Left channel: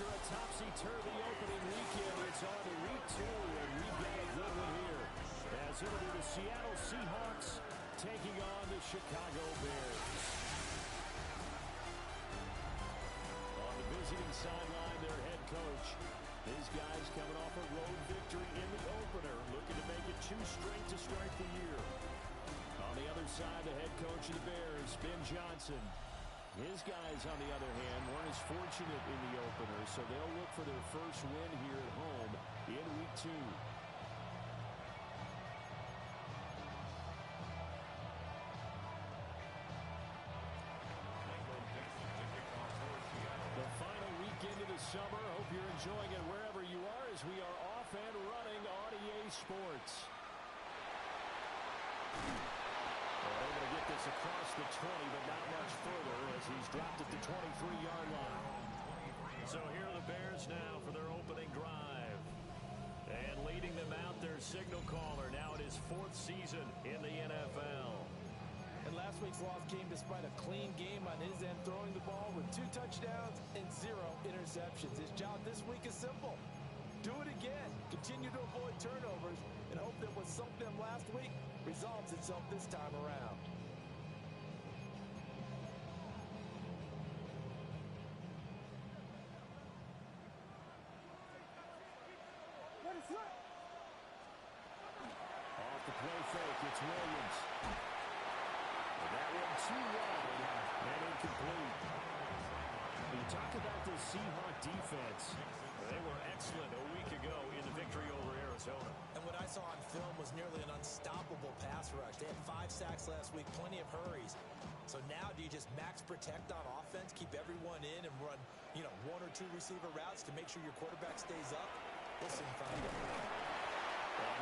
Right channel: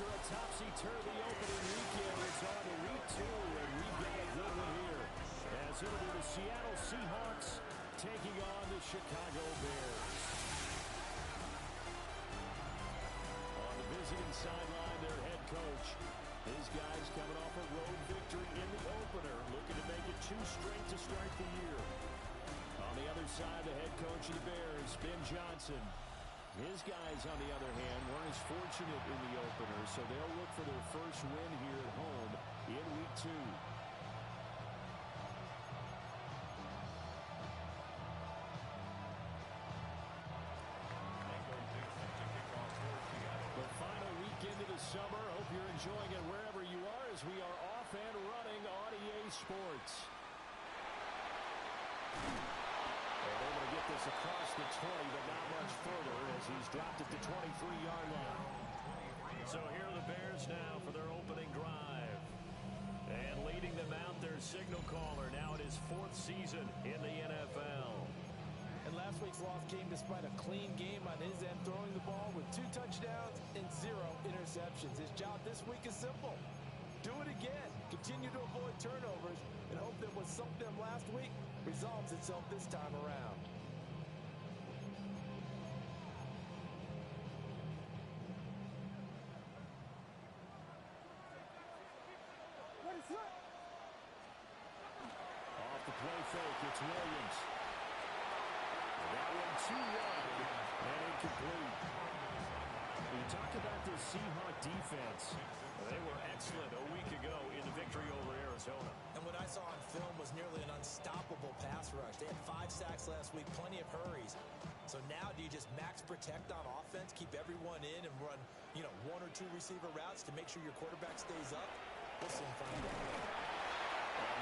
After a topsy-turvy opening weekend, it's on to week 2, and we've got a good one here. As it'll be the Seattle Seahawks taking on the Chicago Bears. On the visiting sideline, their head coach. These guys coming off a road victory in the opener, looking to make it 2 straight to start the year. On the other side, the head coach of the Bears, Ben Johnson. His guys, on the other hand, weren't as fortunate in the opener, so they'll look for their first win here at home in week 2. The final weekend of the summer. Hope you're enjoying it wherever you are as we are off and running on EA Sports. Able to get this across the 20, but not much further as he's dropped at the 23-yard line. So here are the Bears now for their opening drive. And leading them out, their signal caller, now in his 4th season in the NFL. And last week's loss came despite a clean game on his end, throwing the ball with 2 touchdowns and 0 interceptions. His job this week is simple. Do it again. Continue to avoid turnovers and hope that what sunk them last week resolves itself this time around. Off the play fake, it's Williams. That one too wide and incomplete. You talk about this Seahawks defense. They were excellent a week ago in the victory over Arizona. And what I saw on film was nearly an unstoppable pass rush. They had 5 sacks last week, plenty of hurries. So now do you just max protect on offense, keep everyone in and run, 1 or 2 receiver routes to make sure your quarterback stays up? We'll soon find out.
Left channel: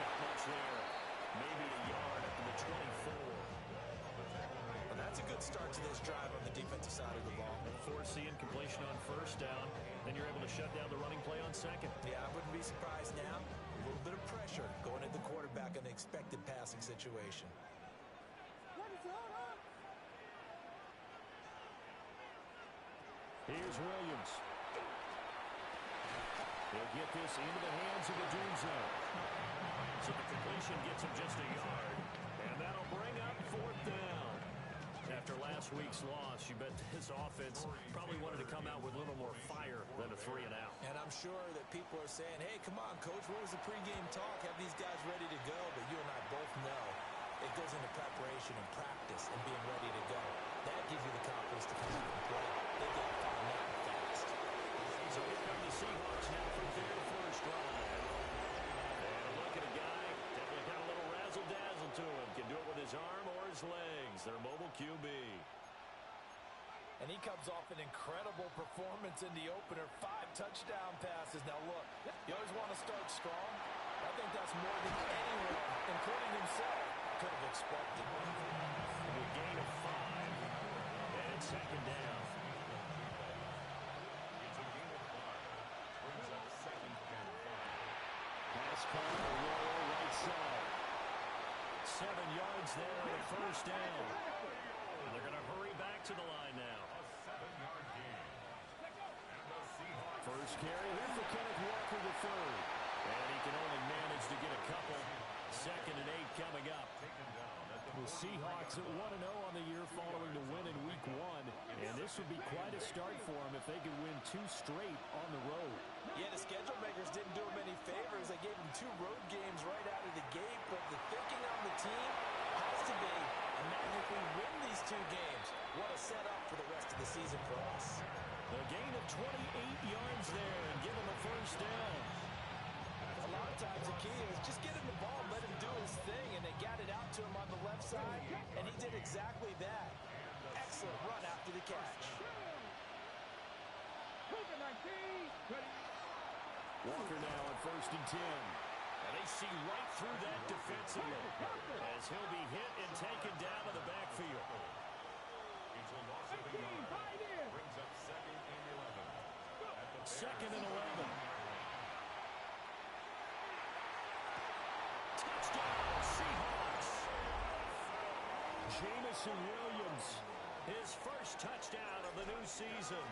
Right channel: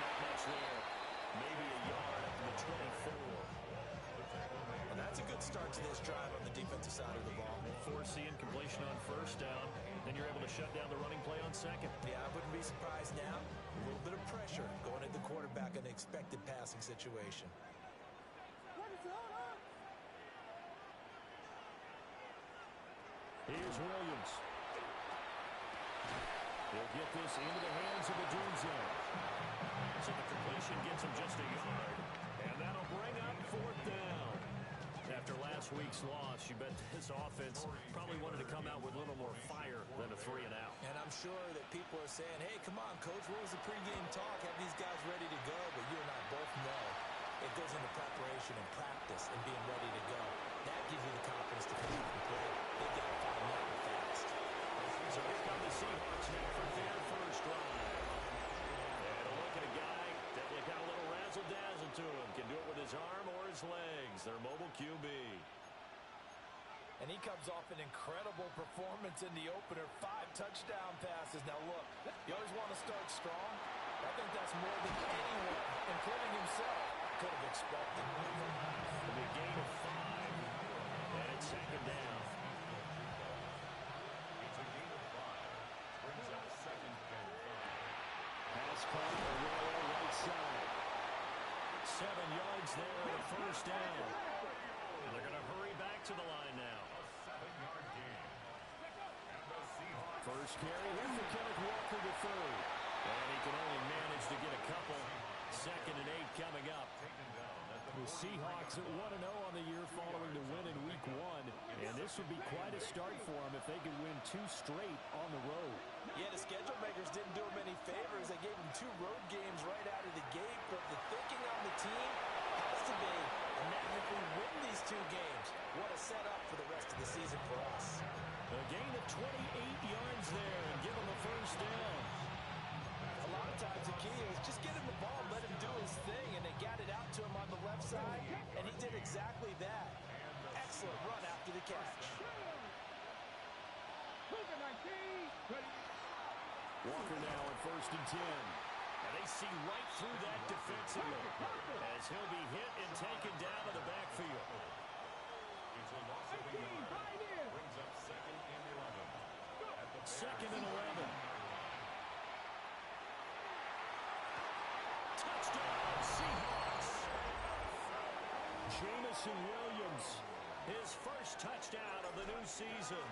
Not much there. Maybe a yard up to the 24. Well, that's a good start to this drive on the defensive side of the ball. Forcing completion on 1st down. Then you're able to shut down the running play on 2nd. Yeah, I wouldn't be surprised now. A little bit of pressure going at the quarterback in an expected passing situation. Here's Williams. He'll get this into the hands of the Dunzo. So the completion gets him just a yard. And that'll bring up 4th down. After last week's loss, you bet this offense probably wanted to come out with a little more fire than a 3 and out. And I'm sure that people are saying, hey, come on, Coach, what was the pregame talk? Have these guys ready to go? But you and I both know it goes into preparation and practice and being ready to go. That gives you the confidence to come out and play. They've got to find that fast. So here come the Seahawks now for their first drive. And a look at a guy, definitely got a little razzle-dazzle to him. Can do it with his arm or his legs. Their mobile QB. And he comes off an incredible performance in the opener. 5 touchdown passes. Now, look, you always want to start strong. I think that's more than anyone, including himself, could have expected. It'll be a gain of 5. And it's 2nd down. It's a gain of 5. Brings up 2nd and 5. Pass caught on the Royal right side. 7 yards there and a 1st down. And they're going to hurry back to the line now. A 7-yard gain. And the Seahawks. First carry here for Kenneth Walker III. And he can only manage to get a couple. 2nd and 8 coming up. The Seahawks at 1-0 on the year following the win in week 1. And this would be quite a start for them if they could win 2 straight on the road. Yeah, the schedule makers didn't do him any favors. They gave him 2 road games right out of the gate. But the thinking on the team has to be, imagine if we win these 2 games. What a setup for the rest of the season for us. A gain of 28 yards there and give him a 1st down. A lot of times the key is just get him the ball and let him do his thing, and they got it out to him on the left side, and he did exactly that. Excellent run after the catch. Walker now on 1st and 10. And they see right through that defensively as he'll be hit and taken down to the backfield. It's a loss of a yard. Brings up 2nd and 11. 2nd and 11. Touchdown, Seahawks. Jamison Williams, his first touchdown of the new season.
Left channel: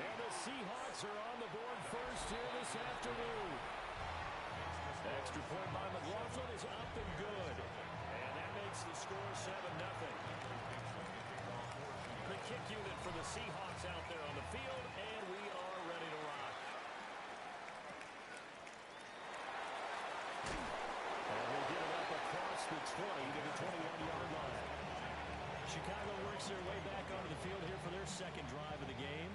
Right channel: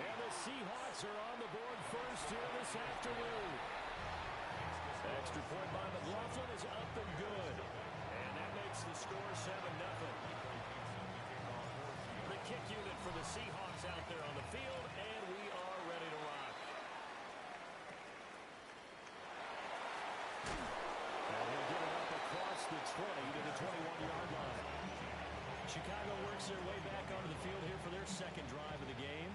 And the Seahawks are on the board first here this afternoon. Extra point by McLaughlin is up and good. And that makes the score 7-0. The kick unit for the Seahawks out there on the field, and we are ready to rock. And he'll get it up across the 20 to the 21-yard line. Chicago works their way back onto the field here for their second drive of the game.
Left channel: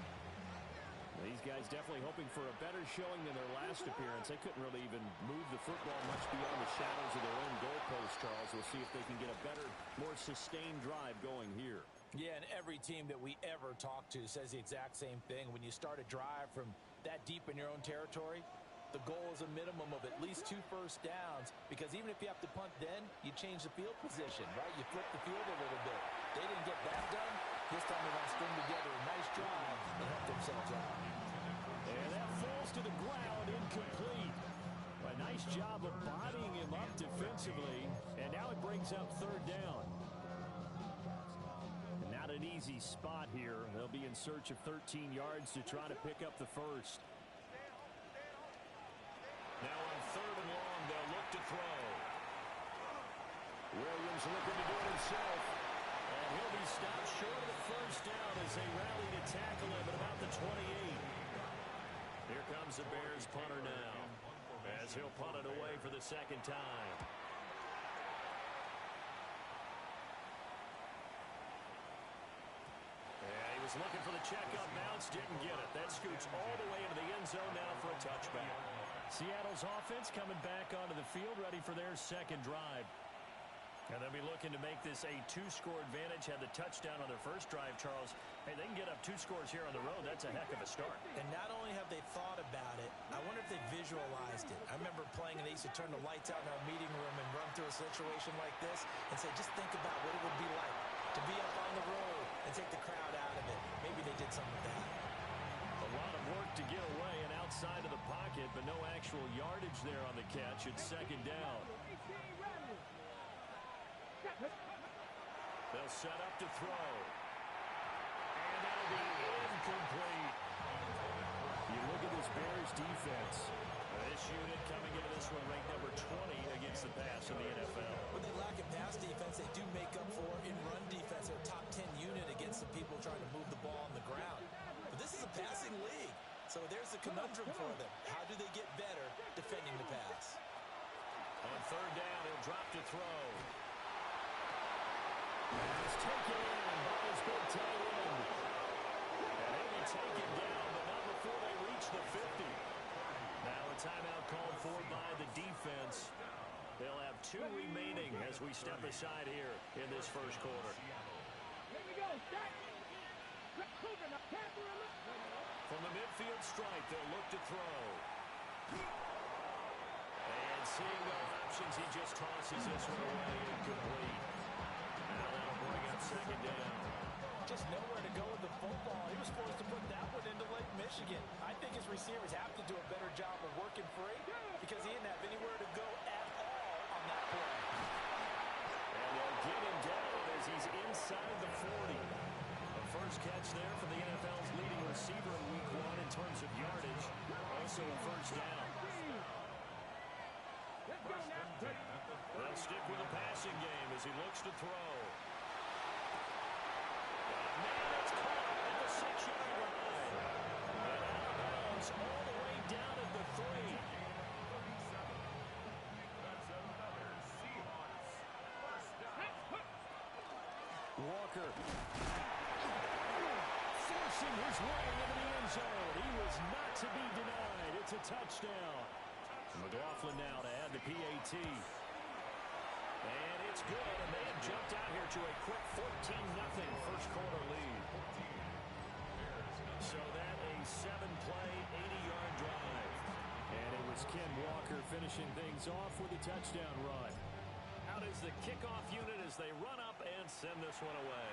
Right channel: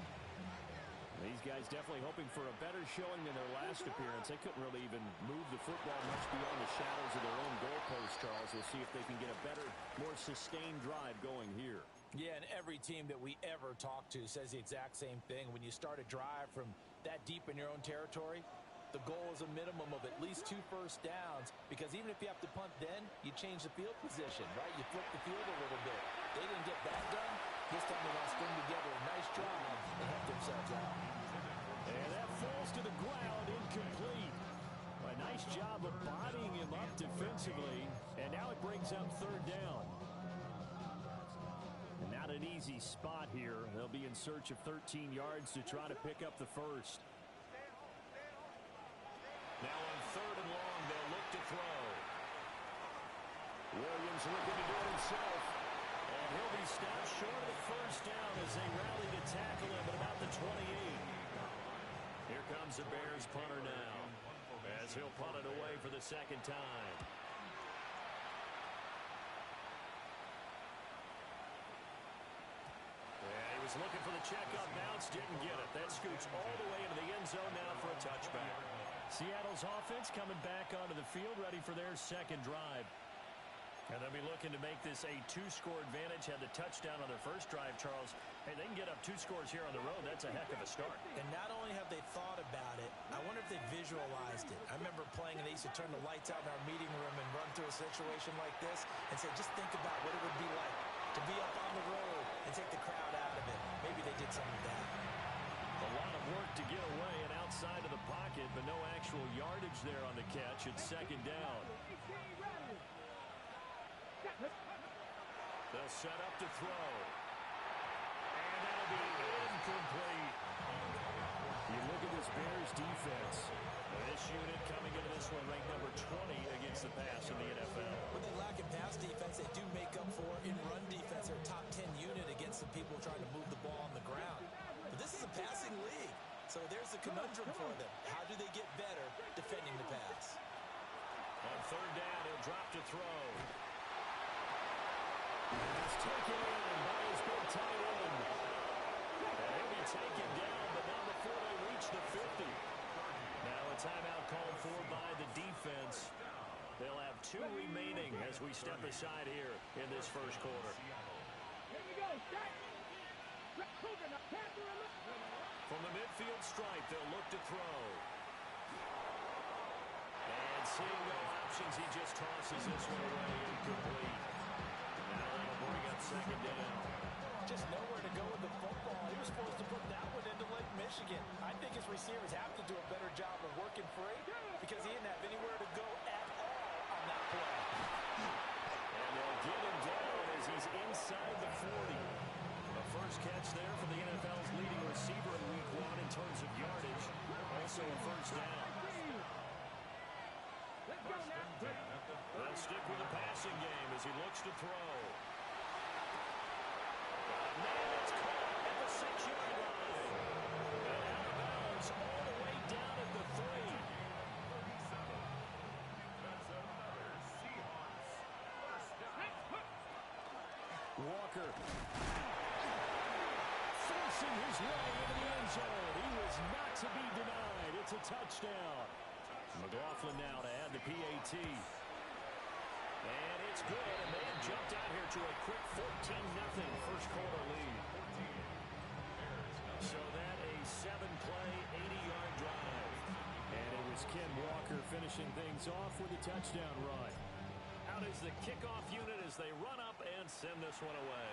These guys definitely hoping for a better showing than their last appearance. They couldn't really even move the football much beyond the shadows of their own goalpost, Charles. We'll see if they can get a better, more sustained drive going here. Yeah, and every team that we ever talk to says the exact same thing. When you start a drive from that deep in your own territory, the goal is a minimum of at least 2 first downs, because even if you have to punt then, you change the field position, right? You flip the field a little bit. They didn't get that done. This time they want to string together a nice drive and help themselves out. And that falls to the ground, incomplete. A nice job of bodying him up defensively, and now it brings up third down. And not an easy spot here. They'll be in search of 13 yards to try to pick up the first. Now on third and long, they'll look to throw. Williams looking to do it himself. And he'll be stopped short of the first down as they rally to tackle him at about the 28. Here comes the Bears punter now, as he'll punt it away for the second time. And he was looking for the checkup bounce, didn't get it. That scoots all the way into the end zone now for a touchback. Seattle's offense coming back onto the field, ready for their second drive. And they'll be looking to make this a 2-score advantage. Had the touchdown on their first drive, Charles. Hey, they can get up 2 scores here on the road. That's a heck of a start. And not only have they thought about it, I wonder if they visualized it. I remember playing, and they used to turn the lights out in our meeting room and run through a situation like this and say, just think about what it would be like to be up on the road and take the crowd out of it. Maybe they did some of that. A lot of work to get away and outside of the pocket, but no actual yardage there on the catch. It's second down. They'll set up to throw. And that'll be incomplete. You look at this Bears defense. This unit coming into this one ranked number 20 against the pass in the NFL. When they lack in pass defense, they do make up for in run defense. They're a top 10 unit against the people trying to move the ball on the ground. But this is a passing league. So there's the conundrum for them. How do they get better defending the pass? On third down, he'll drop to throw. It's taken in by his big tight end. And he'll be taken down, but not before they reach the 50. Now a timeout called for by the defense. They'll have 2 remaining as we step aside here in this first quarter. From the midfield stripe, they'll look to throw. And seeing no options, he just tosses this one away incomplete. Now that'll bring up second down. Just nowhere to go with the football. He was supposed to put that one into Lake Michigan. I think his receivers have to do a better job of working free because he didn't have anywhere to go at all on that play. And they'll get him down as he's inside the 40. A first catch there from the NFL's leading receiver in Week 1 in terms of yardage. Also a first down. They'll stick with the passing game as he looks to throw. Man, it's caught at the 6-yard line. And out of bounds all the way down at the 3. That's another Seahawks first down. Walker forcing his way into the end zone. He was not to be denied. It's a touchdown. McLaughlin now to add the PAT. And it's good, and they have jumped out here to a quick 14-0 first quarter lead. So that a 7-play, 80-yard drive. And it was Ken Walker finishing things off with a touchdown run. Out is the kickoff unit as they run up and send this one away.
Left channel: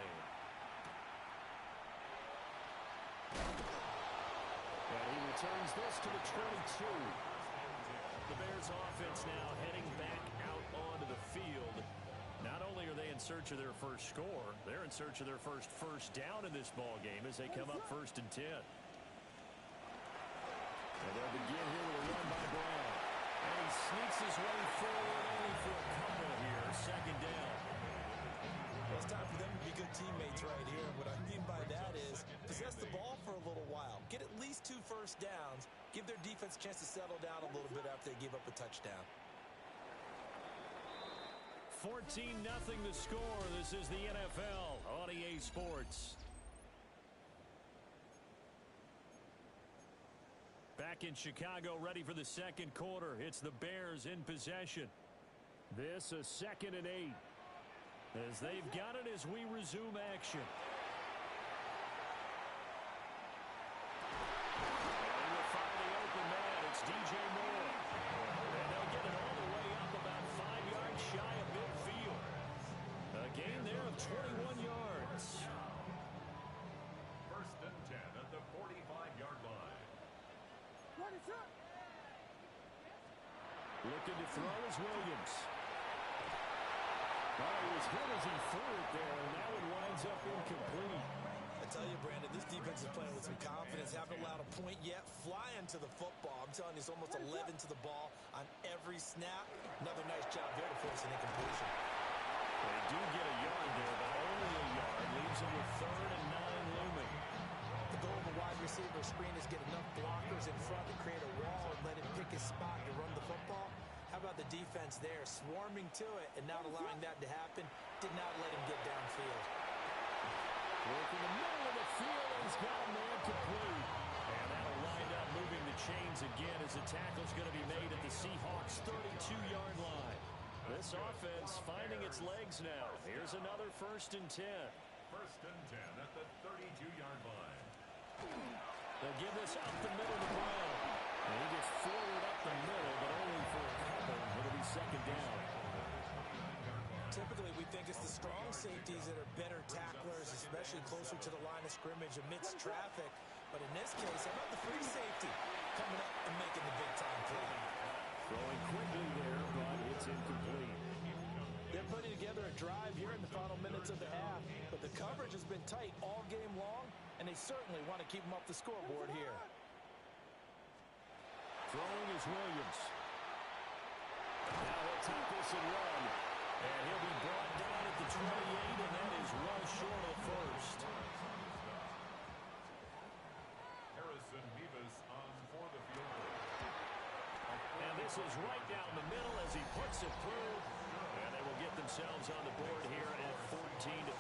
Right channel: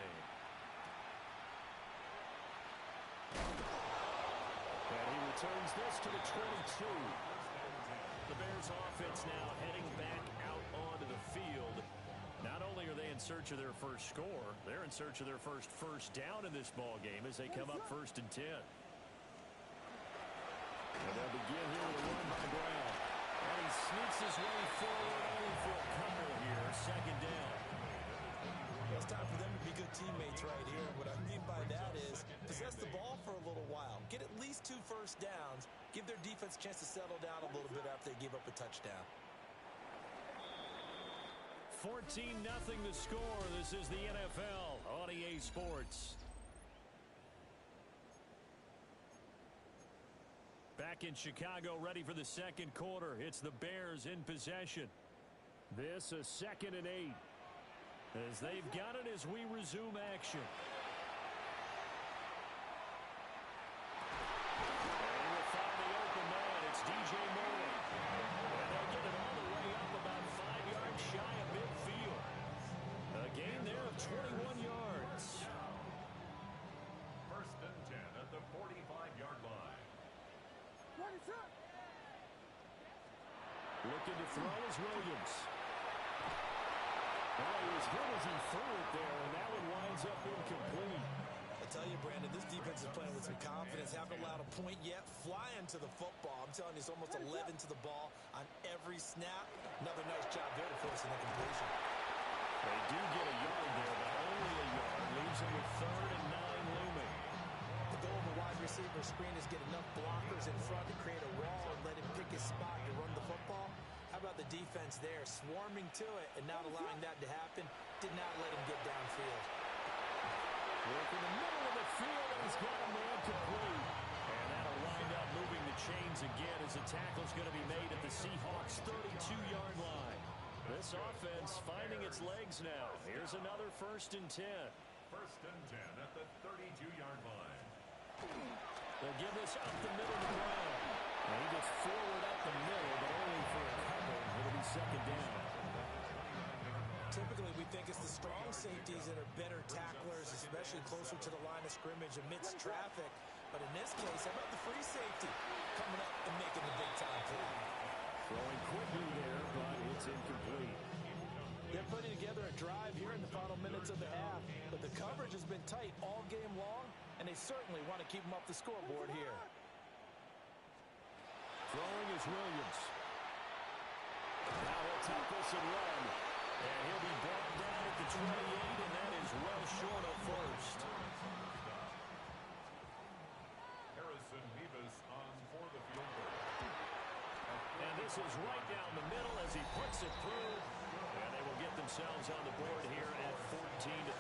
And he returns this to the 22. The Bears offense now heading back out onto the field. Not only are they in search of their first score, they're in search of their first down in this ball game as they come up 1st and 10. And they'll begin here with a run by Brown. And he sneaks his way forward only for a couple here. Second down. Well, it's time for them to be good teammates right here. What I mean by that is possess the ball for a little while. Get at least 2 first downs. Give their defense a chance to settle down a little bit after they give up a touchdown. 14-0 the score. This is the NFL on EA Sports. Back in Chicago, ready for the second quarter. It's the Bears in possession. This a 2nd and 8. As they've got it as we resume action. And he will find the open man. It's DJ Moore. And they'll get it all the way up about 5 yards shy of midfield. A gain there of 21 yards. 1st and 10 at the 45-yard line. Looking to throw is Williams. Oh, he was hit as he threw it there, and that one winds up incomplete. I tell you, Brandon, this defense is playing with some confidence. Haven't allowed a point yet. Flying to the football. I'm telling you, it's almost 11 to the ball on every snap. Another nice job there to force an incompletion. They do get a yard there, but only a yard. Leaves them with 3rd and 9 looming. The goal of a wide receiver screen is get enough blockers in front to create a wall and let him pick his spot to run the football. How about the defense there, swarming to it and not allowing that to happen? Did not let him get downfield. Work in the middle of the field, and he's got a man complete. And that'll wind up moving the chains again as the tackle's going to be made at the Seahawks' 32-yard line. This offense finding its legs now. Here's another 1st and 10. 1st and 10 at the 32-yard line. They'll give this up the middle to Brown. And he gets forward up the middle, but only for a couple. It'll be 2nd down. Typically, we think it's the strong safeties that are better tacklers, especially closer to the line of scrimmage amidst traffic. But in this case, how about the free safety coming up and making the big-time play? Throwing quickly there, but it's incomplete. They're putting together a drive here in the final minutes of the half, but the coverage has been tight all game long, and they certainly want to keep them off the scoreboard here. Throwing is Williams. Now he'll take this and run. And he'll be brought down at the 28, and that is well short of 1st. Harrison Mevis on for the field goal. And this is right down the middle as he puts it through. And they will get themselves on the board here at 14-3.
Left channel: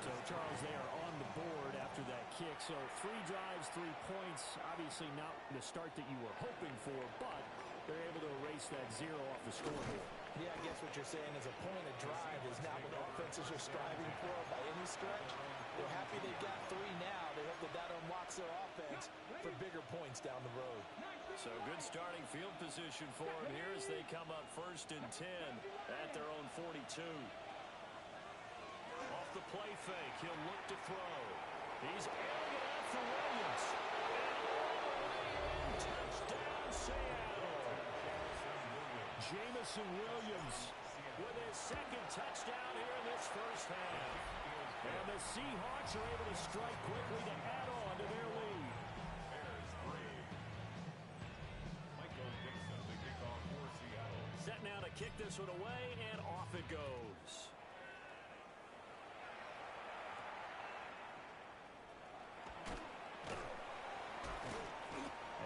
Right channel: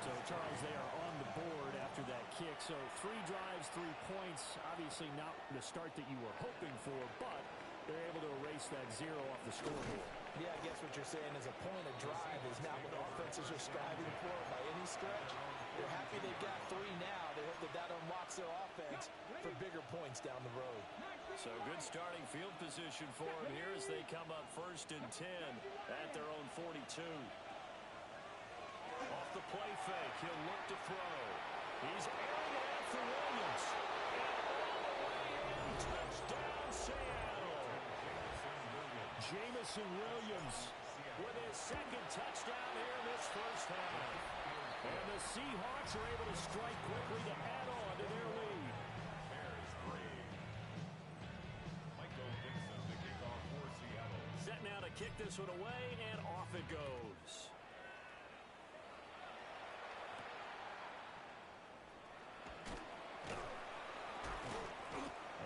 So, Charles, they are on the board after that kick. So 3 drives, 3 points. Obviously not the start that you were hoping for, but they're able to erase that 0 off the scoreboard. Yeah, I guess what you're saying is a point of drive is not what offenses are striving for by any stretch. They're happy they got 3 now. They hope that that unlocks their offense for bigger points down the road. So good starting field position for them here as they come up 1st and 10 at their own 42. Off the play fake, he'll look to throw. He's airing it out for Williams. And all the way in, touchdown Seattle. Jamison Williams with his 2nd touchdown here in this 1st half. And the Seahawks are able to strike quickly to add on to their lead. Bears 3. Michael Dixon to kick off for Seattle. Set now to kick this one away, and off it goes.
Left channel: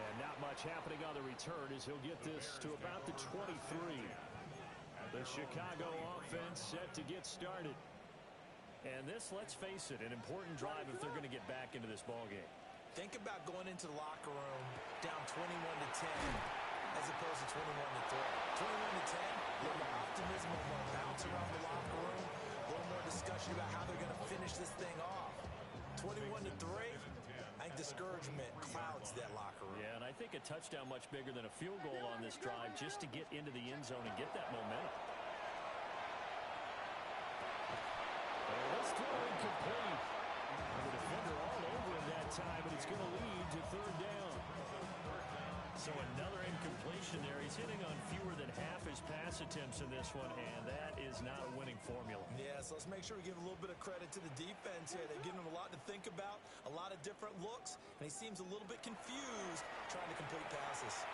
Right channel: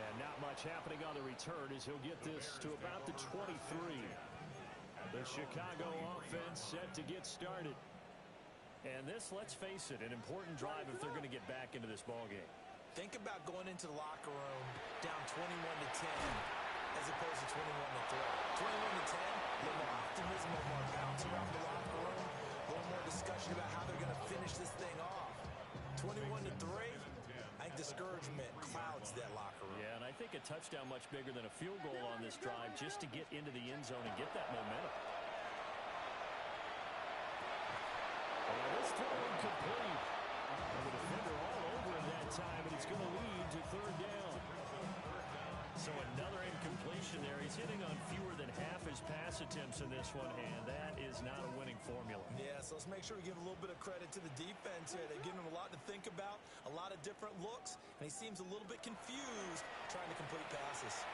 And not much happening on the return as he'll get this to about the 23. The Chicago offense set to get started. And this, let's face it, an important drive if they're going to get back into this ballgame. Think about going into the locker room down 21-10 as opposed to 21-3. 21-10, a little more optimism, a little more bounce around the locker room, a little more discussion about how they're going to finish this thing off. 21-3, I think discouragement clouds that locker room. Yeah, and I think a touchdown much bigger than a field goal on this drive just to get into the end zone and get that momentum. And this throw incomplete. And the defender all over him that time, and it's going to lead to 3rd down. So another incompletion there. He's hitting on fewer than half his pass attempts in this one, and that is not a winning formula. Yeah, so let's make sure we give a little bit of credit to the defense here. They've given him a lot to think about, a lot of different looks, and he seems a little bit confused trying to complete passes.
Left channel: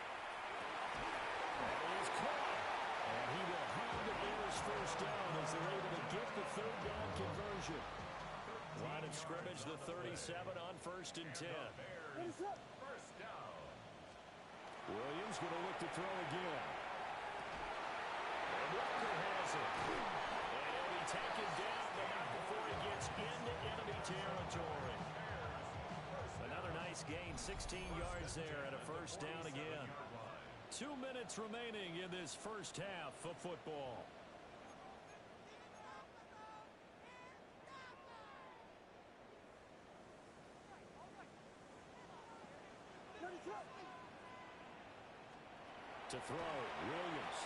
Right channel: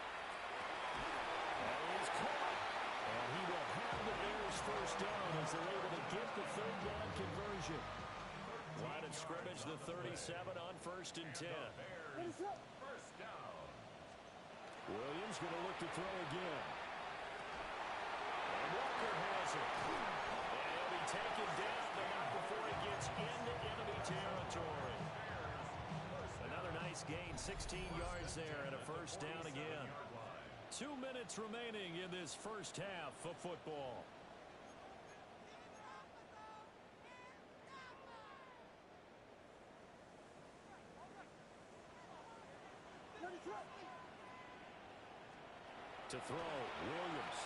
That is caught, and he will have the Bears first down as they're able to get the third down conversion. Line of scrimmage, the 37 on 1st and 10. First down. Williams going to look to throw again. And Walker has it. And he'll be taken down, but not before he gets into enemy territory. Another nice gain, 16 yards there, and a first down again. 2 minutes remaining in this first half of football. To throw, Williams.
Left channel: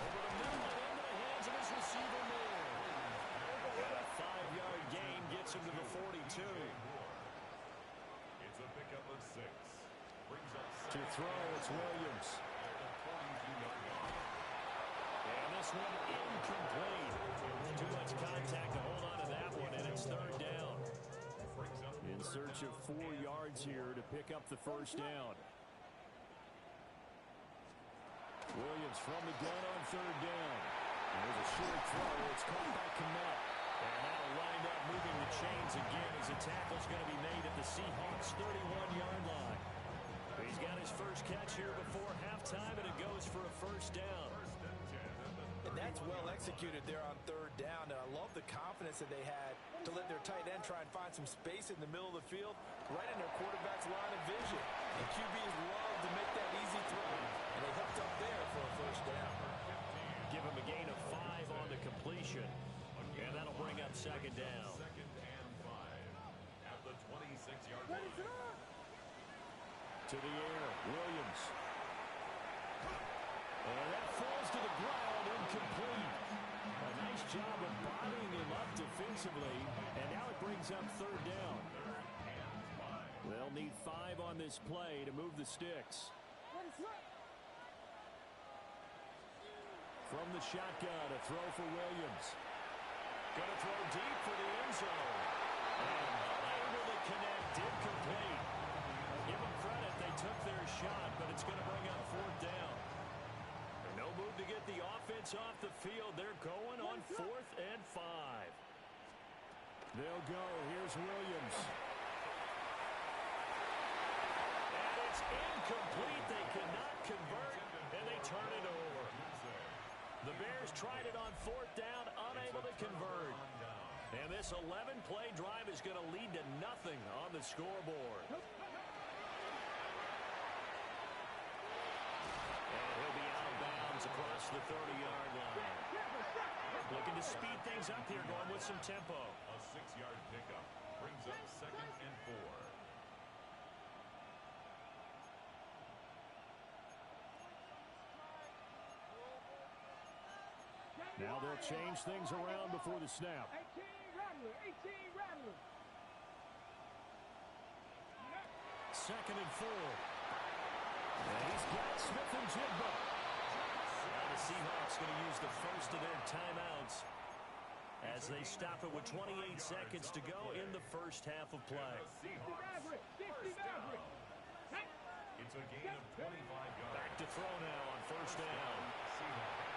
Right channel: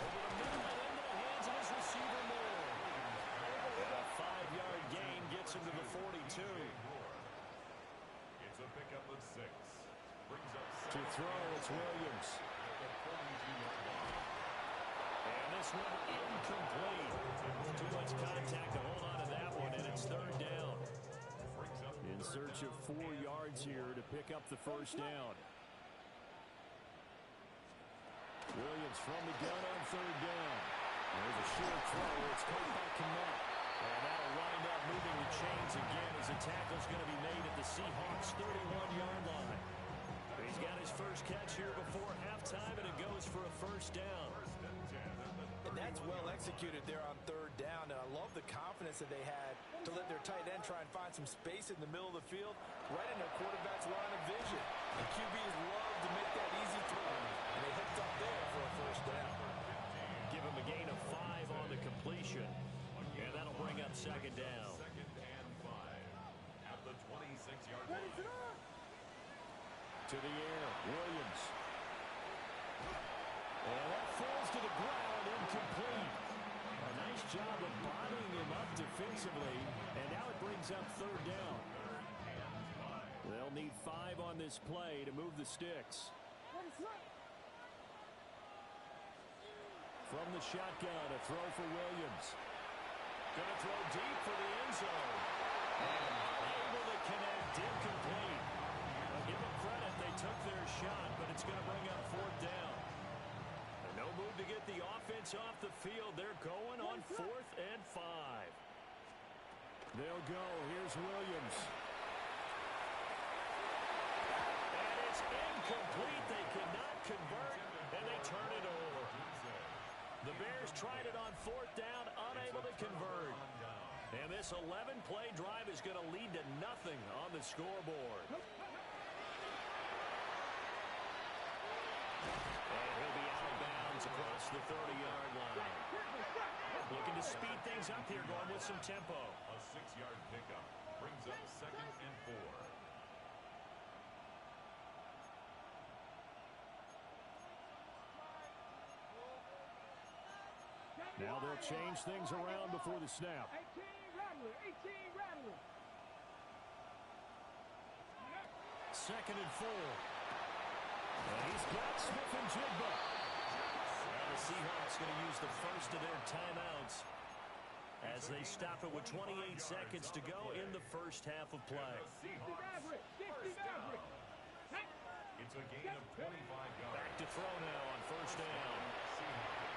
Over the middle and into the hands of his receiver, Moore. And a 5-yard gain gets him to the 42. It's a pickup of 6. Brings up To throw, it's Williams. at the 42-yard line. And this one incomplete. Too much contact to hold on to that one, and it's third down. In search of 4 yards here to pick up the first down. Williams from the gun on third down. There's a short throw. It's caught by Kmet. And that'll wind up moving the chains again as the tackle's going to be made at the Seahawks' 31-yard line. He's got his first catch here before halftime, and it goes for a first down. And that's well executed there on third down, and I love the confidence that they had to let their tight end try and find some space in the middle of the field, right in their quarterback's line of vision. And QBs love to make that easy throw, and they hooked up there for a first down. Give him a gain of 5 on the completion, and that'll bring up second down. Second and 5 at the 26-yard line. To the air, Williams. And that falls to the ground, incomplete. A nice job of bodying him up defensively, and now it brings up third down. They'll need 5 on this play to move the sticks. From the shotgun, a throw for Williams. Going to throw deep for the end zone. And unable to connect, incomplete. Give them credit, they took their shot, but it's going to bring up fourth down. And no move to get the offense off the field. They're going on 4th and 5. They'll go. Here's Williams. And it's incomplete. They cannot convert, and they turn it over. The Bears tried it on 4th down, unable to convert. And this 11-play drive is going to lead to nothing on the scoreboard. And he'll be out of bounds across the 30-yard line. Looking to speed things up here, going with some tempo. A 6-yard pickup brings up second and 4. Now they'll change things around before the snap. 18 Rattler. Second and 4. And he's got Smith and Jigba. Now the Seahawks going to use the first of their timeouts as they stop it with 28 seconds to go in the first half of play. First down. It's a gain of 25 yards. Back to throw now on first down. Seahawks.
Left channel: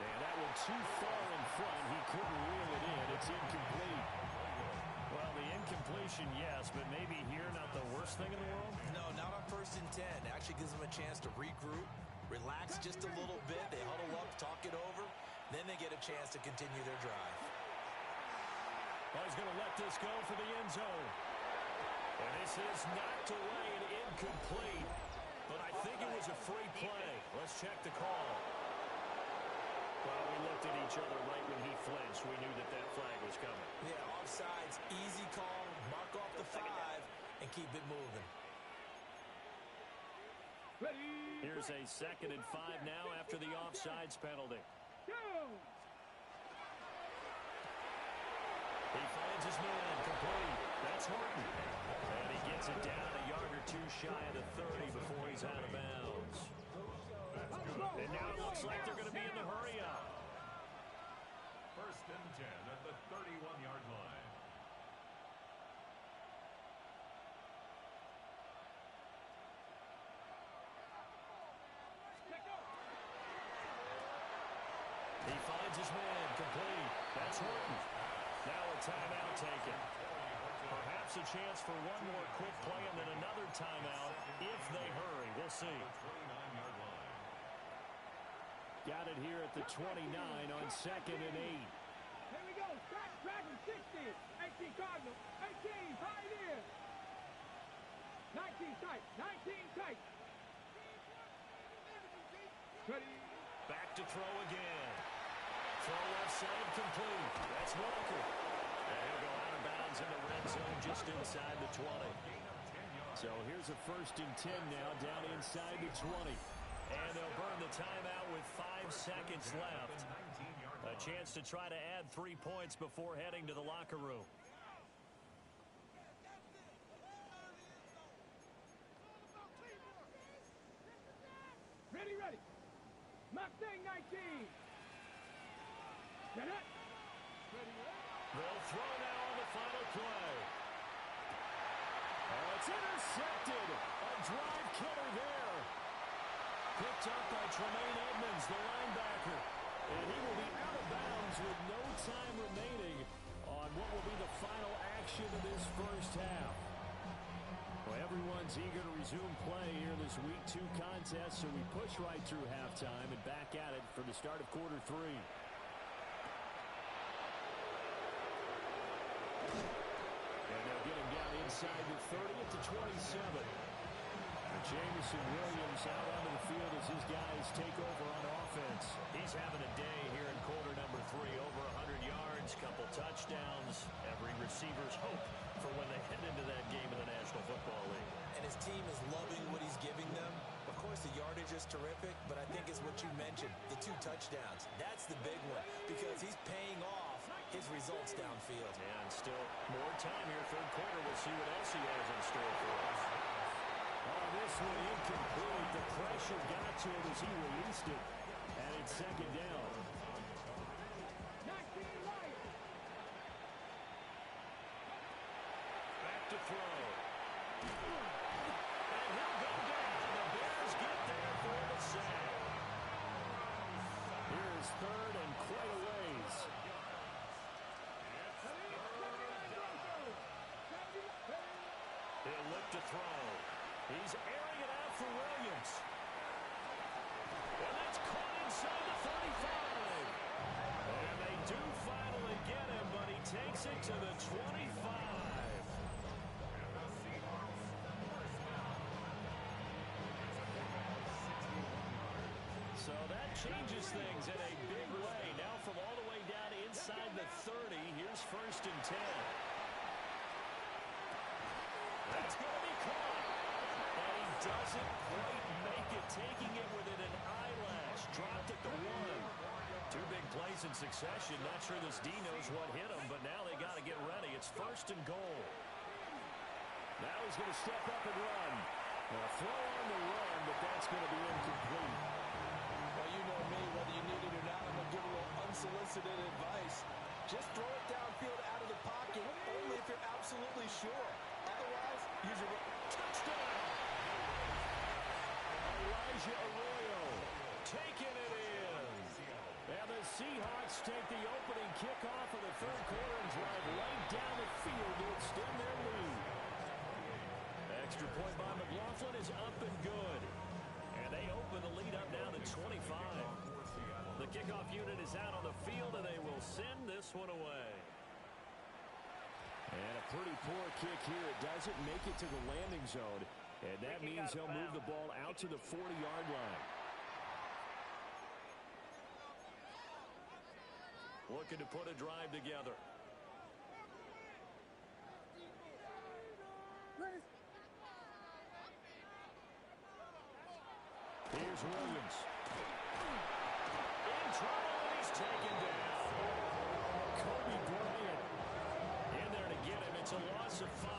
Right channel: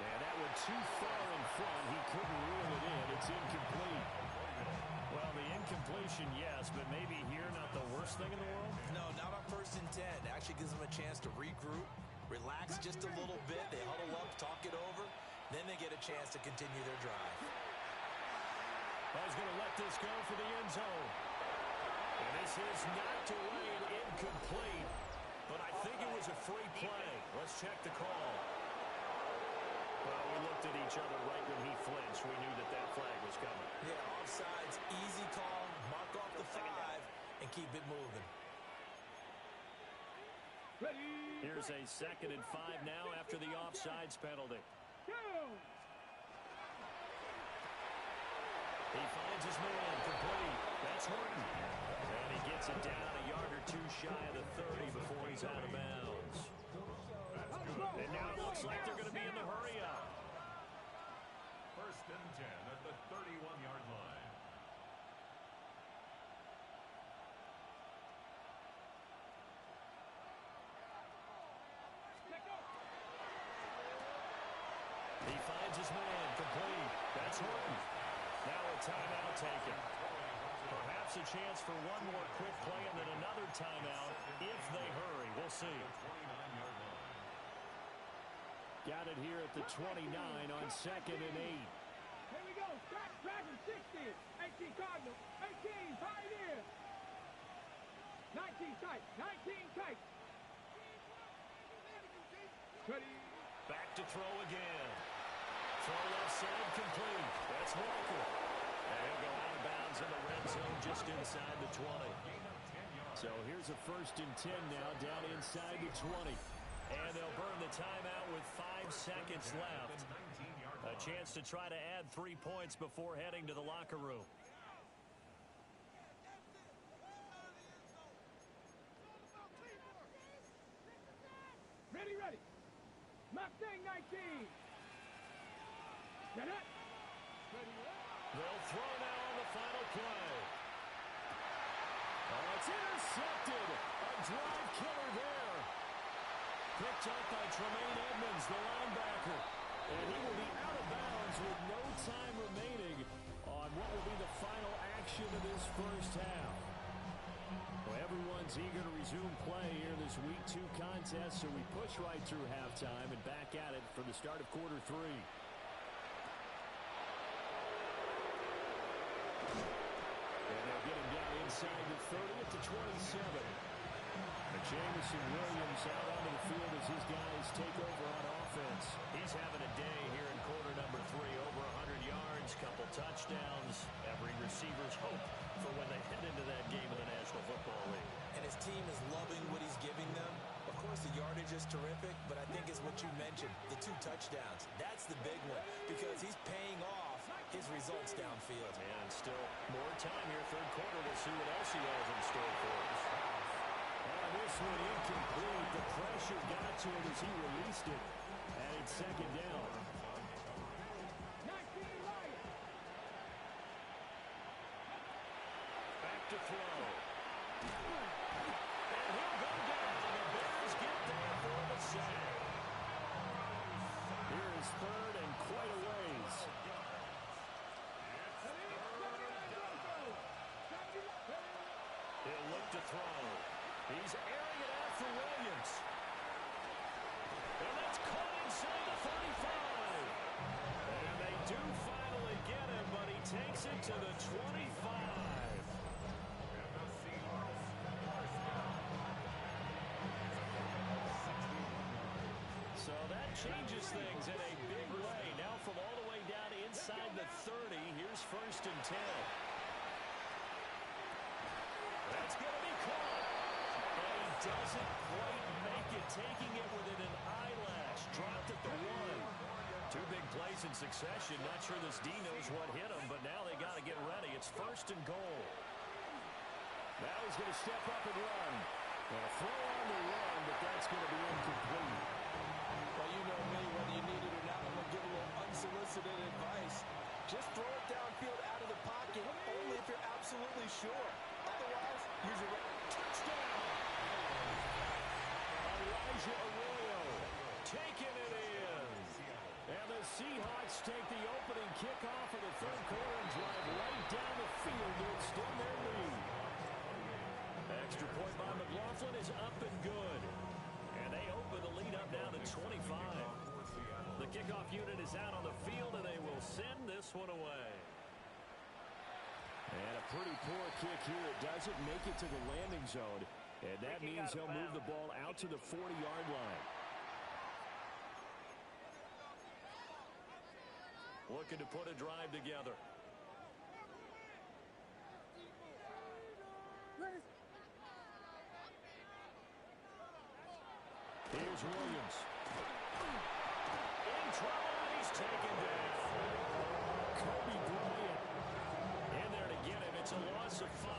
And that one too far in front. He couldn't reel it in. It's incomplete. Well, the incompletion, yes, but maybe here not the worst thing in the world? No, not on 1st and 10. It actually gives them a chance to regroup, relax just a little bit. They huddle up, talk it over. Then they get a chance to continue their drive. Oh, he's going to let this go for the end zone. And this is knocked away and incomplete. But I think it was a free play. Let's check the call. Well, we looked at each other right when he flinched. We knew that that flag was coming. Yeah, offsides, easy call, mark off the 5, and keep it moving. Here's a second and 5 now after the offsides penalty. He finds his man, complete. That's Horton. And he gets it down a yard or or two shy of the 30 before he's out of bounds. And now it looks like they're going to be in the hurry-up. First and 10 at the 31-yard line. He finds his man, complete. That's Horton. Now a timeout taken. Perhaps a chance for one more quick play and then another timeout if they hurry. We'll see. Got it here at the 29 on 2nd and 8. Here we go. Scratch Dragon 60. 18 Cardinal. 18 Pioneer. 19 tight. 19 tight. Ready. Back to throw again. Throw left side complete. That's Walker. And he'll go out of bounds in the red zone just inside the 20. So here's a 1st and 10 now down inside the 20. And they'll burn the timeout with 5 seconds left. A chance to try to add 3 points before heading to the locker room. Ready, ready. Mustang 19. Get it. Ready, ready. They'll throw now on the final play. Oh, it's intercepted. A drive killer there. Picked up by Tremaine Edmonds, the linebacker. And he will be out of bounds with no time remaining on what will be the final action of this first half. Well, everyone's eager to resume play here in this Week 2 contest, so we push right through halftime and back at it for the start of quarter 3. And they'll get him down inside the 30 at the 27. And Jamison Williams out onto the field as his guys take over on offense. He's having a day here in quarter number 3. Over 100 yards, couple touchdowns. Every receiver's hope for when they head into that game in the National Football League. And his team is loving what he's giving them. Of course, the yardage is terrific, but I think it's what you mentioned, the 2 touchdowns. That's the big one because he's paying off his results downfield. And still more time here, third quarter. We'll see what else he has in store for us. Oh, this one incomplete. The pressure got to him as he released it. And it's 2nd down. 19 right. Back to throw. And he'll go down. The Bears get there for the sack. Here is 3rd and quite a ways. He'll look to throw. He's airing it out for Williams. And that's caught inside the 35. And they do finally get him, but he takes it to the 25. So that changes things in a big way. Now from all the way down inside the 30, here's 1st and 10. That's going to be caught. And he doesn't quite make it, taking it within an eyelash. Dropped at the 1. 2 big plays in succession. Not sure this D knows what hit him, but now they got to get ready. It's 1st and goal. Now he's going to step up and run. Well, throw on the run, but that's going to be incomplete. Well, you know me, whether you need it or not, I'm going to give a little unsolicited advice. Just throw it downfield out of the pocket, only if you're absolutely sure. Otherwise, use your touchdown. Elijah Arroyo taking it in. And the Seahawks take the opening kickoff of the third quarter and drive right down the field to extend their lead. Extra point by McLaughlin is up and good. And they open the lead up now to 25. The kickoff unit is out on the field, and they will send this one away. And a pretty poor kick here. It doesn't make it to the landing zone. And that means they'll move the ball out to the 40-yard line. Looking to put a drive together. Here's Williams. In trouble, and he's taken down. Kobe Bryant in there to get him. It's a loss of 5.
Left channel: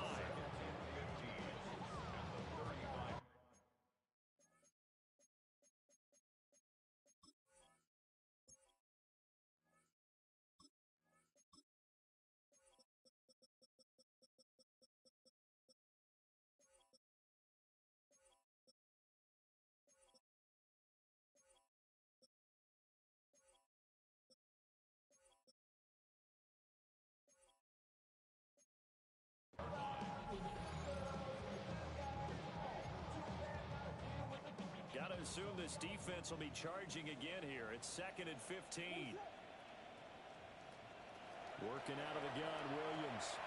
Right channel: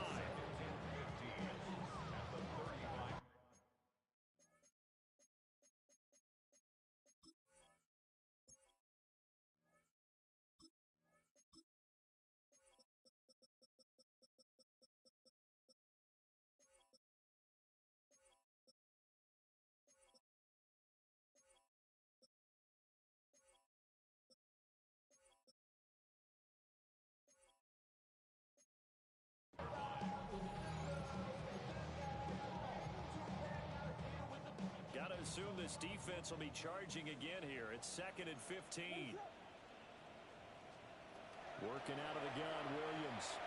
assume this defense will be charging again here. It's 2nd and 15. Working out of the gun, Williams.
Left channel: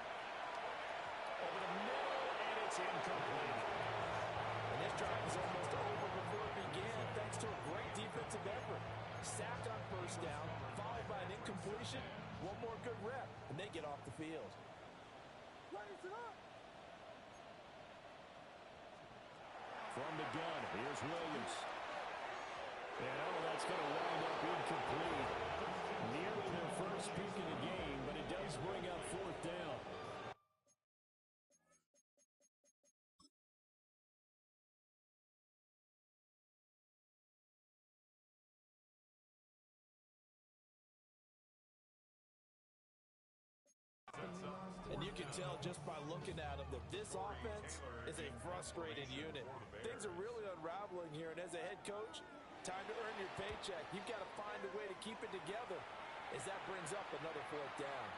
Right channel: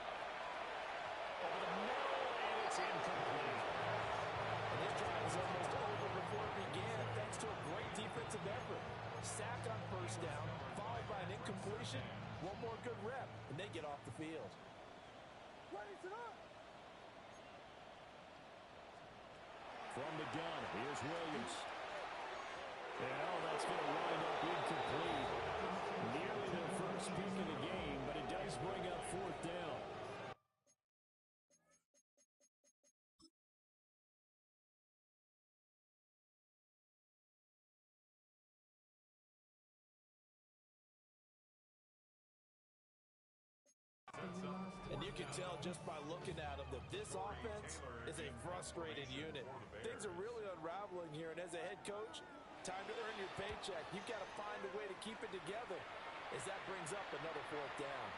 Over the middle, and it's incomplete. And this drive is almost over before it began, thanks to a great defensive effort. Sack on first down, followed by an incompletion. One more good rep, and they get off the field. From the gun, here's Williams. And that's going to wind up incomplete. Nearly their first pick of the game, but it does bring up 4th down. And you can tell just by looking at them that this offense is a frustrated unit. Things are really unraveling here, and as a head coach, time to earn your paycheck. You've got to find a way to keep it together as that brings up another 4th down.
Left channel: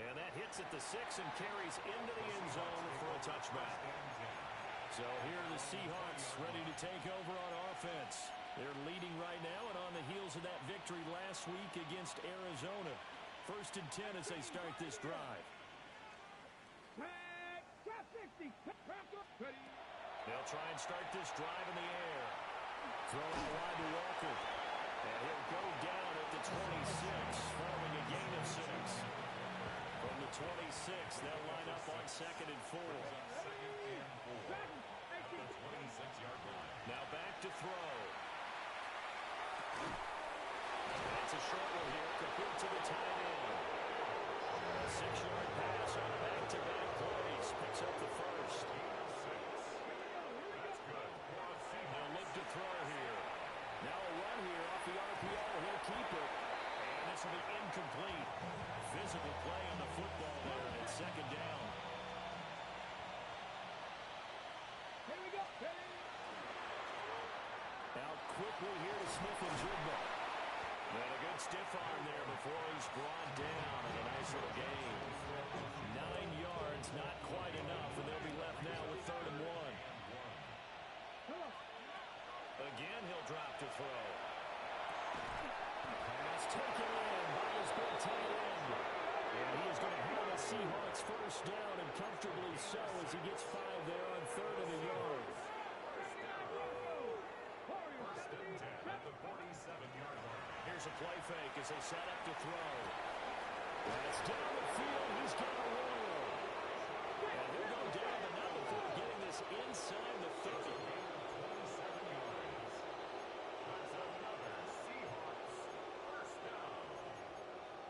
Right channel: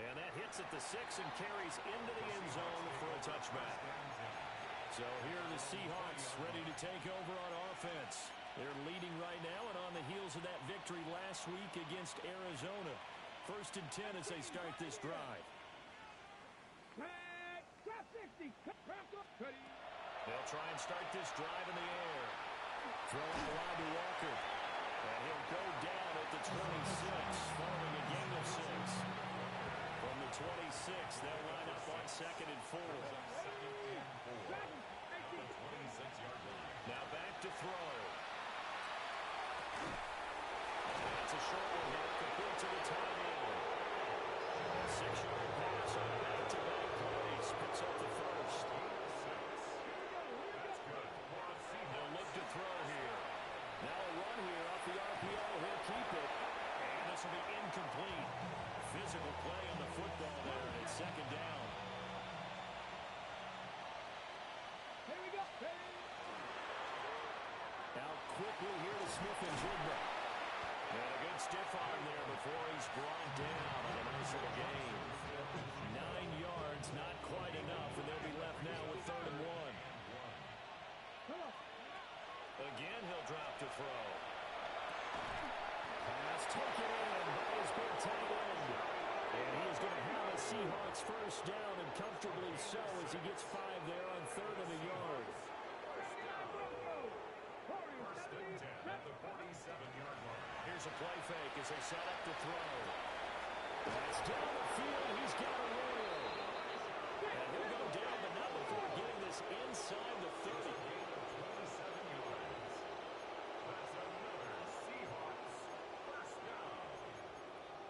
And that hits at the 6 and carries into the end zone for a touchback. So here are the Seahawks ready to take over on offense. They're leading right now and on the heels of that victory last week against Arizona. 1st and 10 as they start this drive. They'll try and start this drive in the air. Throw out wide to Walker. And he'll go down at the 26 following a gain of 6. From the 26, they'll line up on 2nd and 4. Now back to throw. It's a short one here, complete to the tight end. A 6-yard pass on back-to-back plays. Picks up the first. That's good. They'll look to throw here. Now a run here off the RPO. He'll keep it. And this will be incomplete. Physical play on the football there, and it's 2nd down. Here we go. Out quickly here to Smith-Njigba. And a good stiff arm there before he's brought down on a nice little gain. 9 yards, not quite enough, and they'll be left now with 3rd and 1. Again, he'll drop to throw. Pass taken in by his big tight end. And he is going to have a Seahawks first down, and comfortably so as he gets 5 there on 3rd and a yard. First and 10 at the 47-yard line. Here's a play fake as they set up to throw. That's down the field. He's got Arroyo. And he'll go down, but not before getting this inside the 30. A gain of 27 yards. That's another Seahawks first down.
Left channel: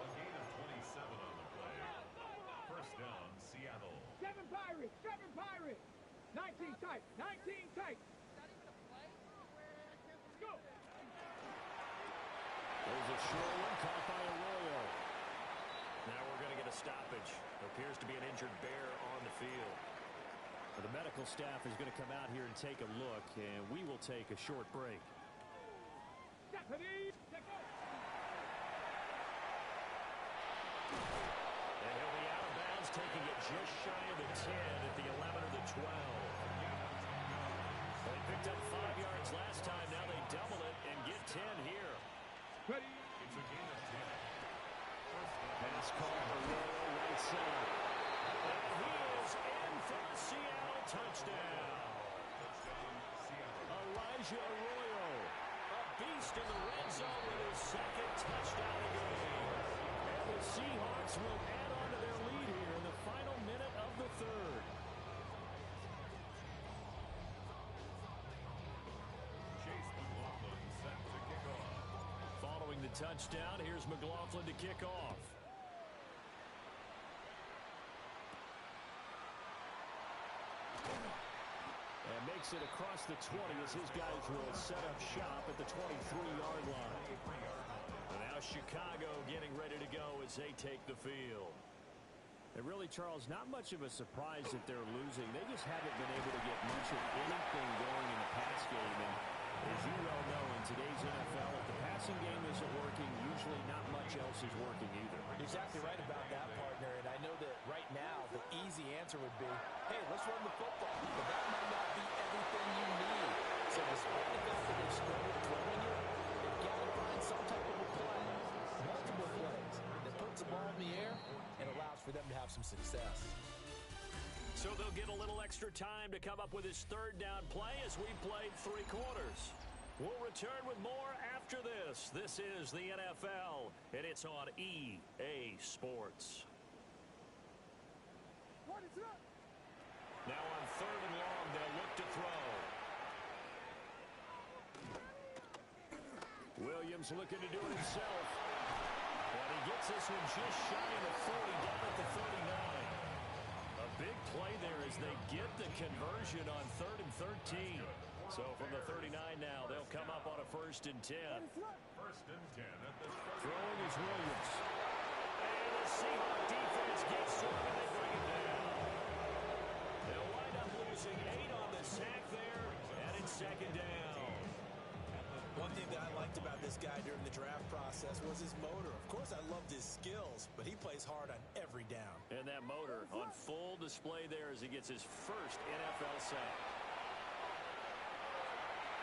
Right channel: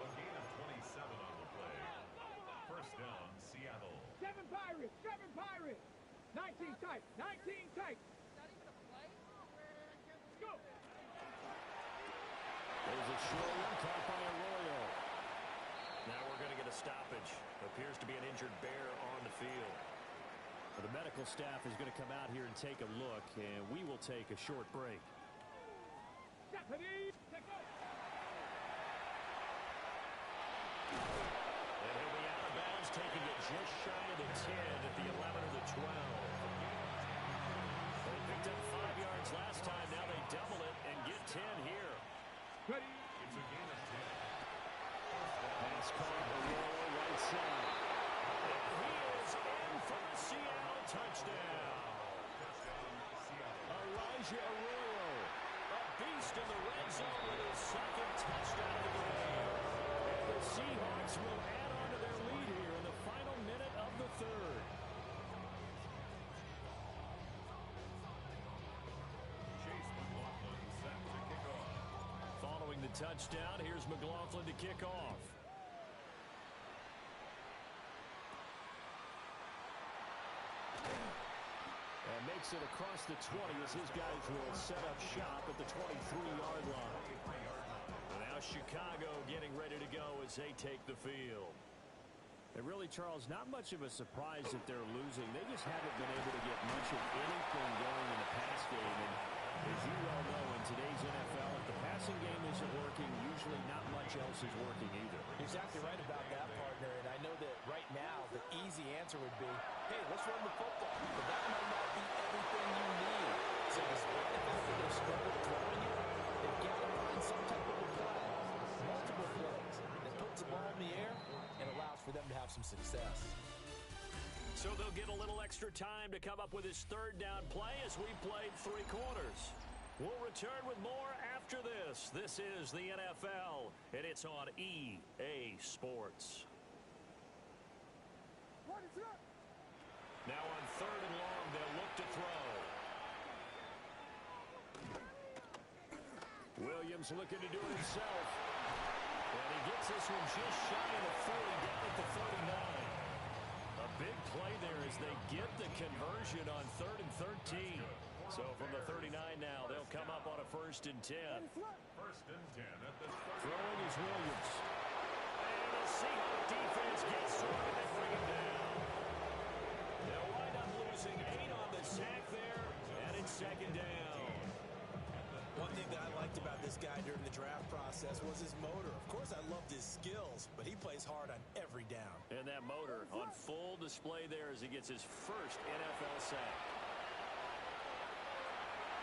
A gain of 27 on the play. First down, Seattle. 7 Pirates. 7 Pirates. 19 tight. 19 tight. Go. There's a short one caught by Arroyo. Now we're going to get a stoppage. Appears to be an injured bear on the field. Well, the medical staff is going to come out here and take a look, and we will take a short break. Stephanie, take off. And he'll be out of bounds, taking it just shy of the 10 at the 11 or the 12. They picked up 5 yards last time. Now they double it and get 10 here. Ready. It's a gain of 10. First down. Pass caught, Arroyo right side. And he is in for a Seattle touchdown. Touchdown, Seattle. Elijah Arroyo, a beast in the red zone with his 2nd touchdown of the game. And the Seahawks will add on to their lead here in the final minute of the 3rd. Chase McLaughlin set to kick off. Following the touchdown, here's McLaughlin to kick off. And makes it across the 20 as his guys will set up shop at the 23-yard line. And now Chicago getting ready to go as they take the field. And really, Charles, not much of a surprise that they're losing. They just haven't been able to get much of anything going in the pass game. And as you well know, in today's NFL, if the passing game isn't working, usually not much else is working either. Exactly right about that, partner. And I know that right now the easy answer would be, hey, let's run the football. But that might not be everything you need. So despite the fact that they've struggled throwing it, they've got to find some type of a play, multiple plays, that puts the ball in the air and allows for them to have some success. So they'll get a little extra time to come up with his third down play as we played 3 quarters. We'll return with more after this. This is the NFL, and it's on EA Sports. Now on 3rd and long, they'll look to throw. Williams looking to do it himself. And he gets this one just shy of the 40, down at the 39. A big play there as they get the conversion on 3rd and 13. So from the 39 now, they'll come up on a 1st and 10. 1st and 10 at the 30. Throwing is Williams. And the Seahawk defense gets to him, and they bring him down. They'll wind up losing 8 on the sack there, and it's 2nd down. One thing that I liked about this guy during the draft process was his motor. Of course, I loved his skills, but he plays hard on every down. And that motor on full display there as he gets his first NFL sack.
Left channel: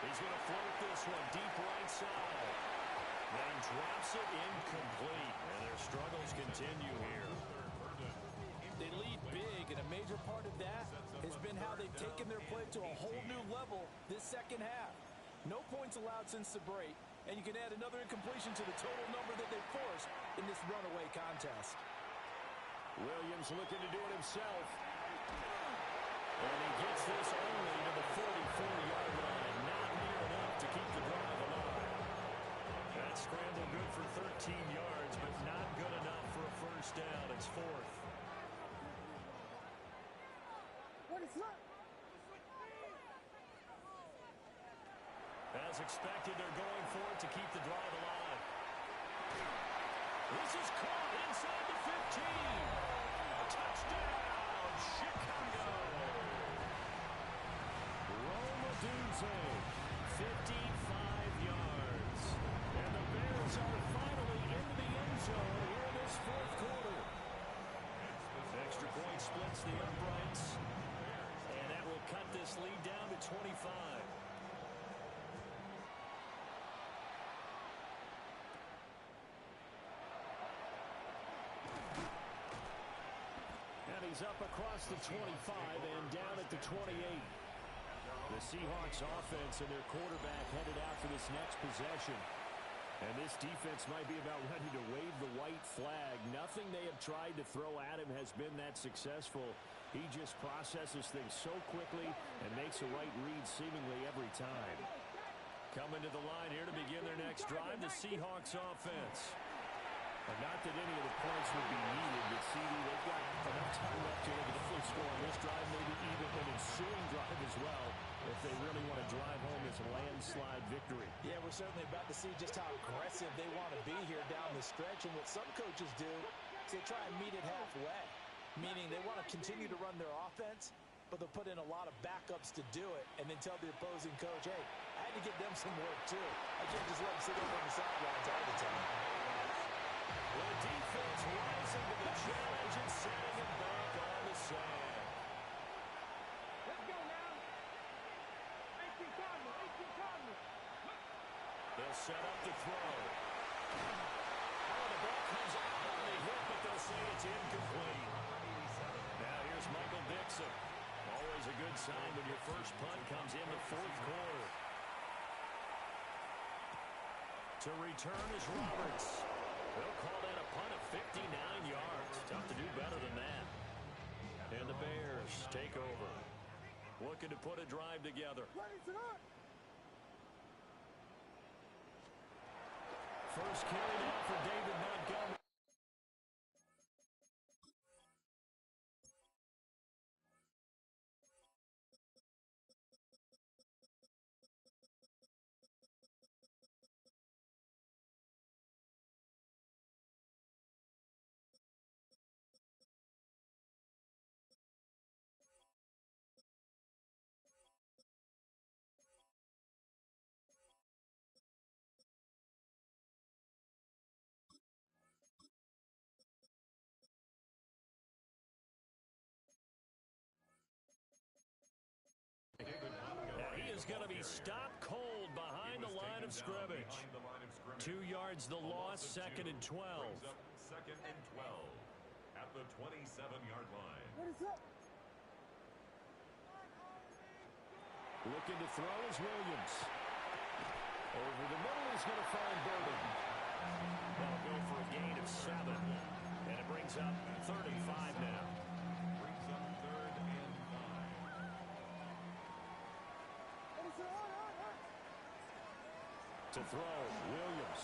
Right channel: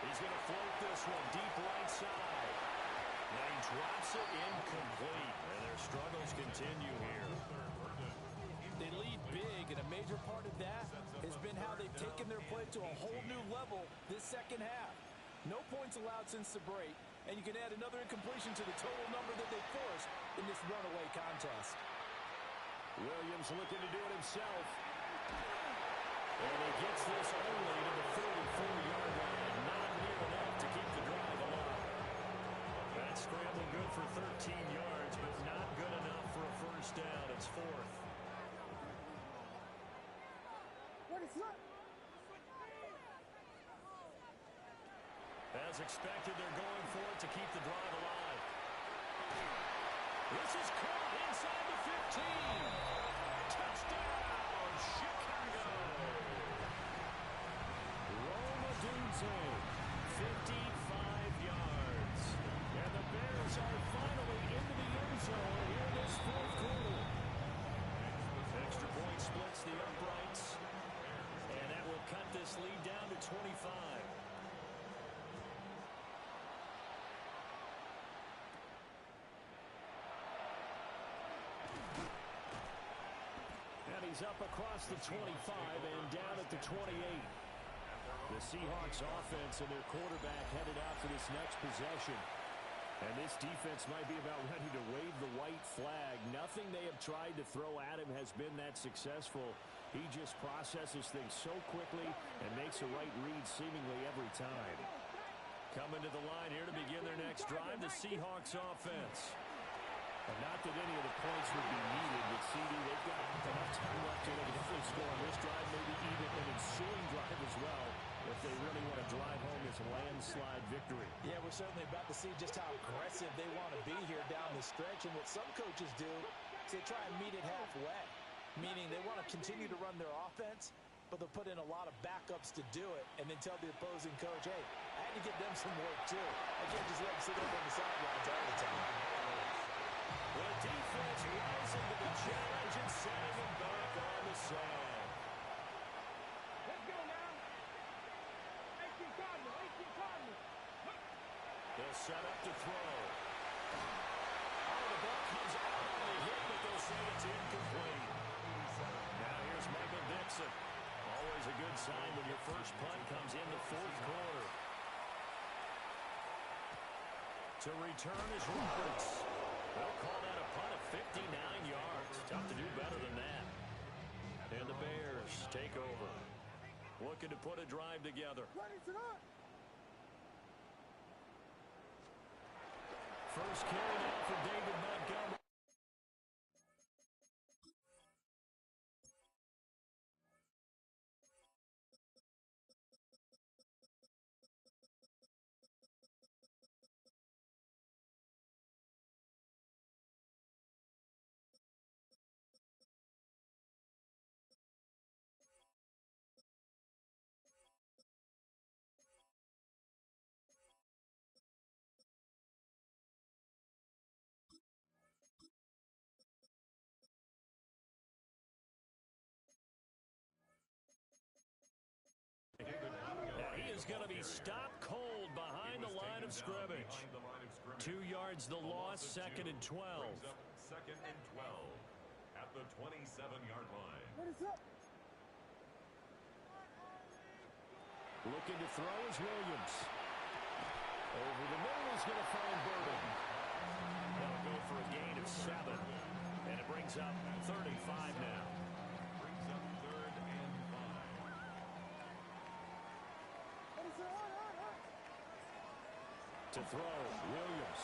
He's going to float this one deep right side. And he drops it incomplete. And their struggles continue here. They lead big, and a major part of that has been how they've taken their play to a whole new level this second half. No points allowed since the break, and you can add another incompletion to the total number that they forced in this runaway contest. Williams looking to do it himself. And he gets this only to the 44-yard line. Not near enough to keep the drive alive. That scramble good for 13 yards, but not good enough for a 1st down. It's 4th. As expected, they're going for it to keep the drive alive. This is caught inside the 15. Touchdown, Chicago. Roma Dunze, 55 yards. And the Bears are finally into the end zone here in this 4th quarter. Extra point splits the uprights. And that will cut this lead down to 25. He's up across the 25 and down at the 28. The Seahawks offense and their quarterback headed out for this next possession. And this defense might be about ready to wave the white flag. Nothing they have tried to throw at him has been that successful. He just processes things so quickly and makes the right read seemingly every time. Coming to the line here to begin their next drive, the Seahawks offense. Not that any of the points would be needed, but CD, they've got enough time left here. They can definitely score on this drive, maybe even an ensuing drive as well, if they really want to drive home this landslide victory. Yeah, we're certainly about to see just how aggressive they want to be here down the stretch. And what some coaches do is they try and meet it halfway, meaning they want to continue to run their offense, but they'll put in a lot of backups to do it and then tell the opposing coach, hey, I had to get them some work too. I can't just let them sit over on the sidelines all the time. The defense rising to the challenge and setting him back on the sand. Let's go now. 18 Cardinal, 18 Cardinal. They'll set up to throw. Oh, the ball comes out on the hit, but they'll say it's incomplete. Now here's Michael Dixon. Always a good sign when your first punt comes in the 4th quarter. To return is Roberts. They'll call that a punt of 59 yards. Tough to do better than that. And the Bears take over. Looking to put a drive together. First carry now for David Montgomery. going to be stopped cold behind the line of scrimmage. 2 yards the loss, 2nd and 12. 2nd and 12 at the 27-yard line. Looking to throw is Williams. Over the middle is going to find Burden. That'll go for a gain of 7. And it brings up 35 now. Brings up 3rd and 5. To throw, Williams.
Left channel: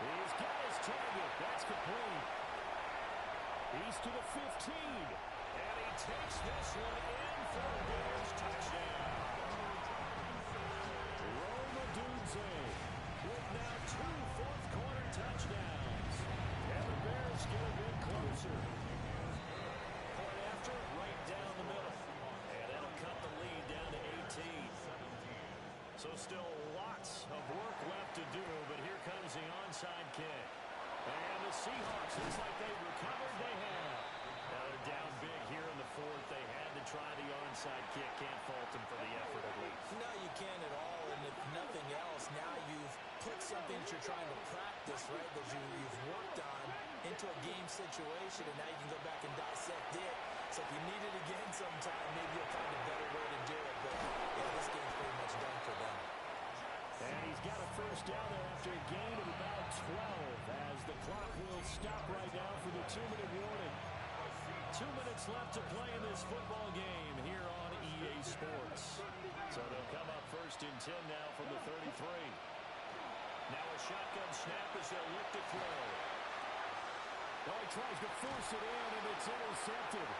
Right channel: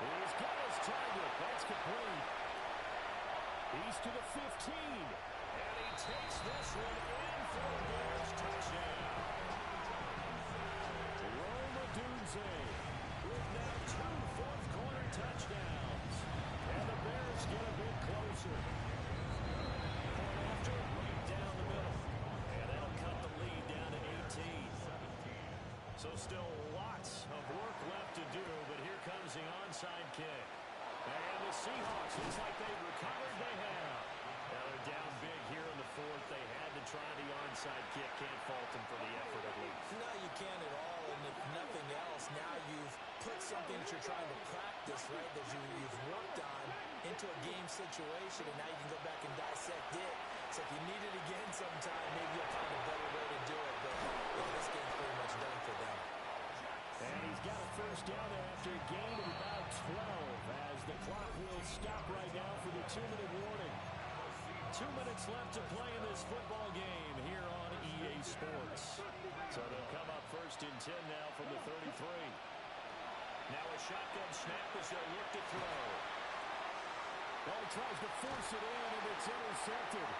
He's got his target. That's complete. He's to the 15. And he takes this one in for a Bears touchdown. Roma Dunze with now 2 fourth-quarter touchdowns. And the Bears get a bit closer. Point after, right down the middle. And that'll cut the lead down to 18. So still lots of work left to do, but here comes the onside kick. And the Seahawks, looks like they've recovered. They have. Now they're down big here in the 4th. They had to try the onside kick. Can't fault them for the effort at least. No, you can't at all. And if nothing else, now you've put something that you're trying to practice, right, that you've worked on into a game situation, and now you can go back and dissect it. So if you need it again sometime, maybe you'll find a better way to do it. But, yeah, this game's pretty much done for them. And he's got a first down there after a gain of about 12 as the clock will stop right now for the 2-minute warning. 2 minutes left to play in this football game here on EA Sports. So they'll come up 1st and 10 now from the 33. Now a shotgun snap as they'll look to throw. Oh, he tries to force it in, and it's intercepted.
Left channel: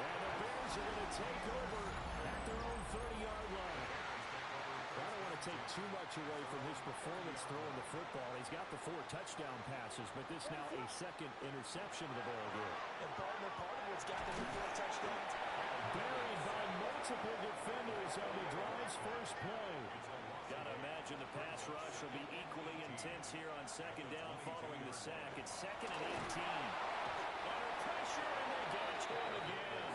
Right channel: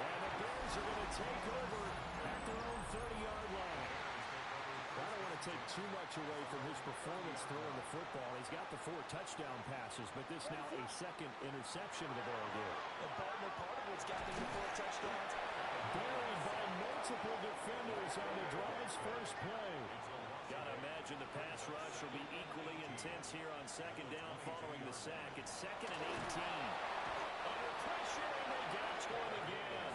And the Bears are going to take over at their own 30-yard line. I don't want to take too much away from his performance throwing the football. He's got the 4 touchdown passes, but this now a 2nd interception of the ball game. And part of what's gotten him to 4 touchdowns. Buried by multiple defenders on the drive's first play. Got to imagine the pass rush will be equally intense here on 2nd down following the sack. It's 2nd and 18. Under pressure, and they get to him again.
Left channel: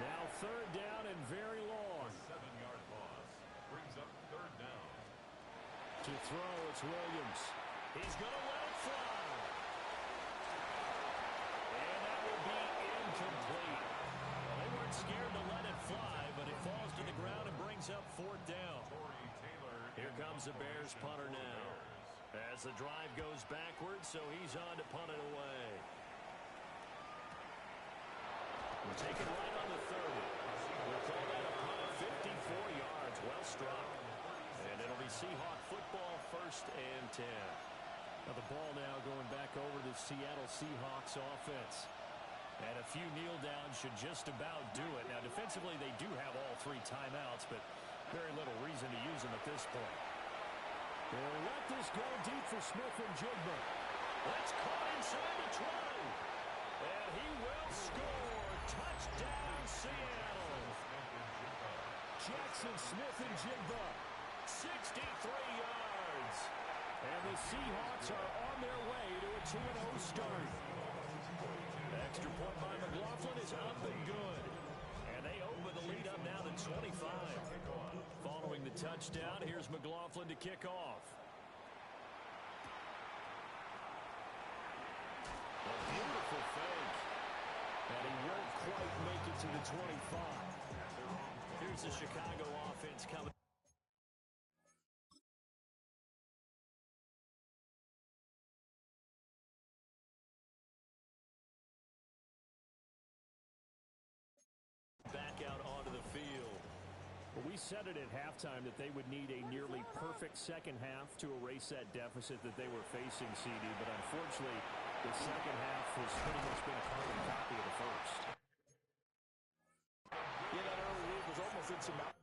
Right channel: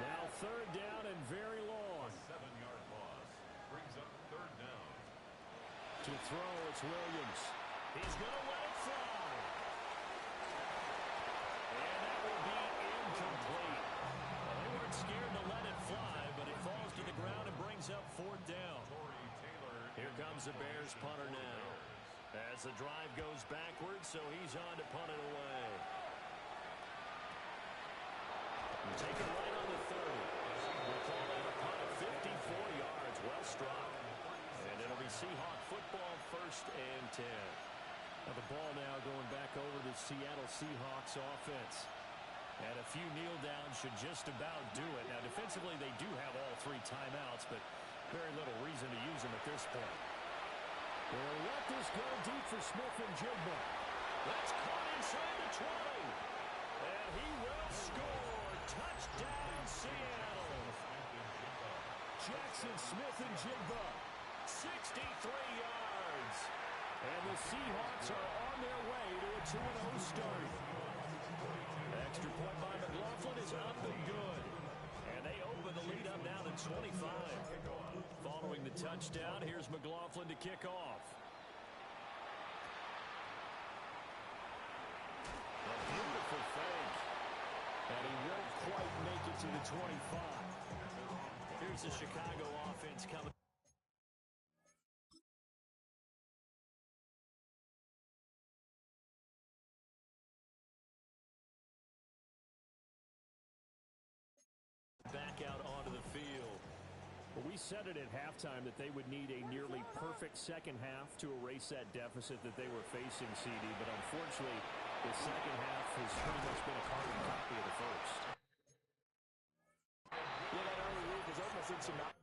Now 3rd down and very long. 7-yard loss brings up 3rd down. To throw, it's Williams. He's going to let it fly. And that will be incomplete. Well, they weren't scared to let it fly, but it falls to the ground and brings up 4th down. Here comes the Bears punter now. As the drive goes backwards, so he's on to punt it away. Take it right on the 30. We'll call that a punt of 54 yards. Well struck. And it'll be Seahawk football, 1st and 10. Now the ball now going back over to the Seattle Seahawks offense. And a few kneel downs should just about do it. Now defensively they do have all 3 timeouts, but very little reason to use them at this point. They'll let this go deep for Smith and Jigba. That's caught inside the 20. And he will score. Touchdown, Seattle. Jackson Smith and Jigba. 63 yards. And the Seahawks are on their way to a 2-0 start. Extra point by McLaughlin is up and good. And they open the lead up now to 25. Following the touchdown, here's McLaughlin to kick off. A beautiful fake. And he won't quite make it to the 25. Here's the Chicago offense coming. Back out onto the field. Well, we said it at halftime that they would need a nearly perfect second half to erase that deficit that they were facing, CD, but unfortunately the second half has pretty much been a carbon copy of the first. Yeah, that early lead was almost insurmountable.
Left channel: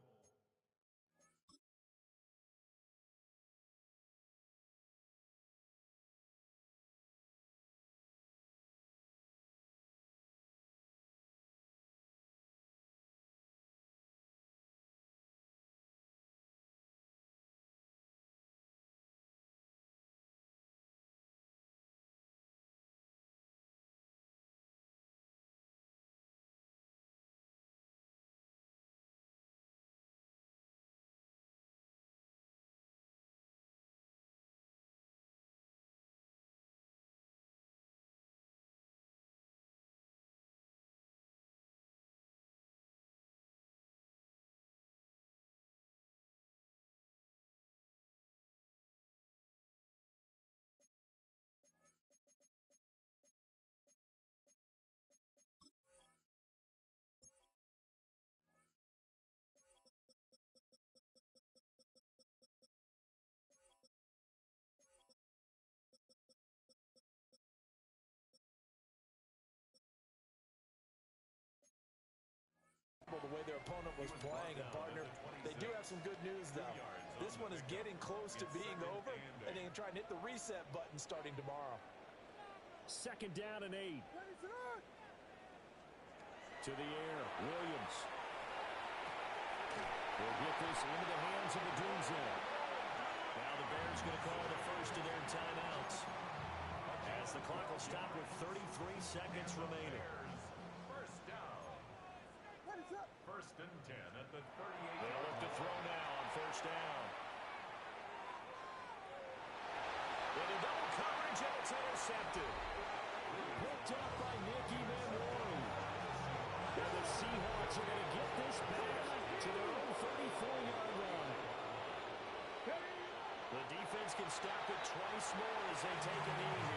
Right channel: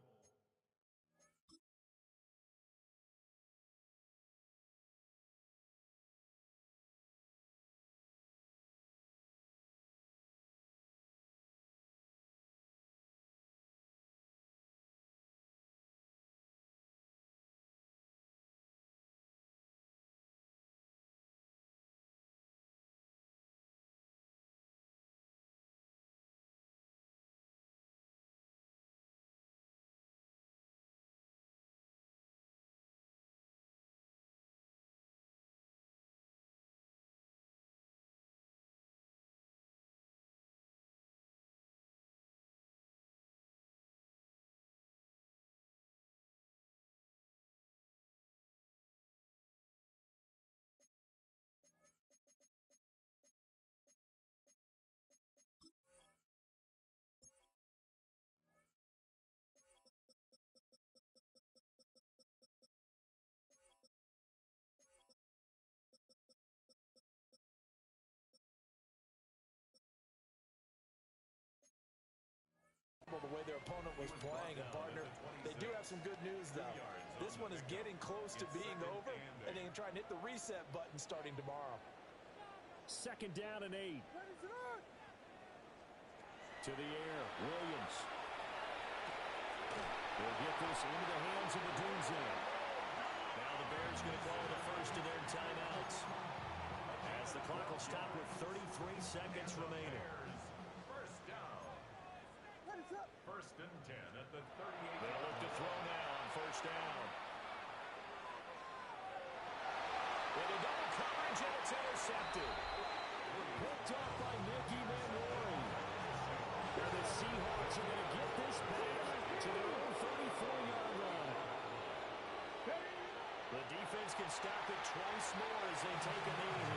The way their opponent was playing, and partner, they do have some good news, though. This one is getting close to being over, and they can try and hit the reset button starting tomorrow. 2nd down and 8. To the air, Williams. They'll get this into the hands of the Dunze. Now the Bears going to call the first of their timeouts, as the clock will stop with 33 seconds remaining. First down. First and 10 at the 38. They'll look to throw now on 1st down. Into double coverage, and it's intercepted. Picked up by Nicky Manwari. Now the Seahawks are going to get this back to their own 34-yard line. The defense can stop it twice more as they take a knee here.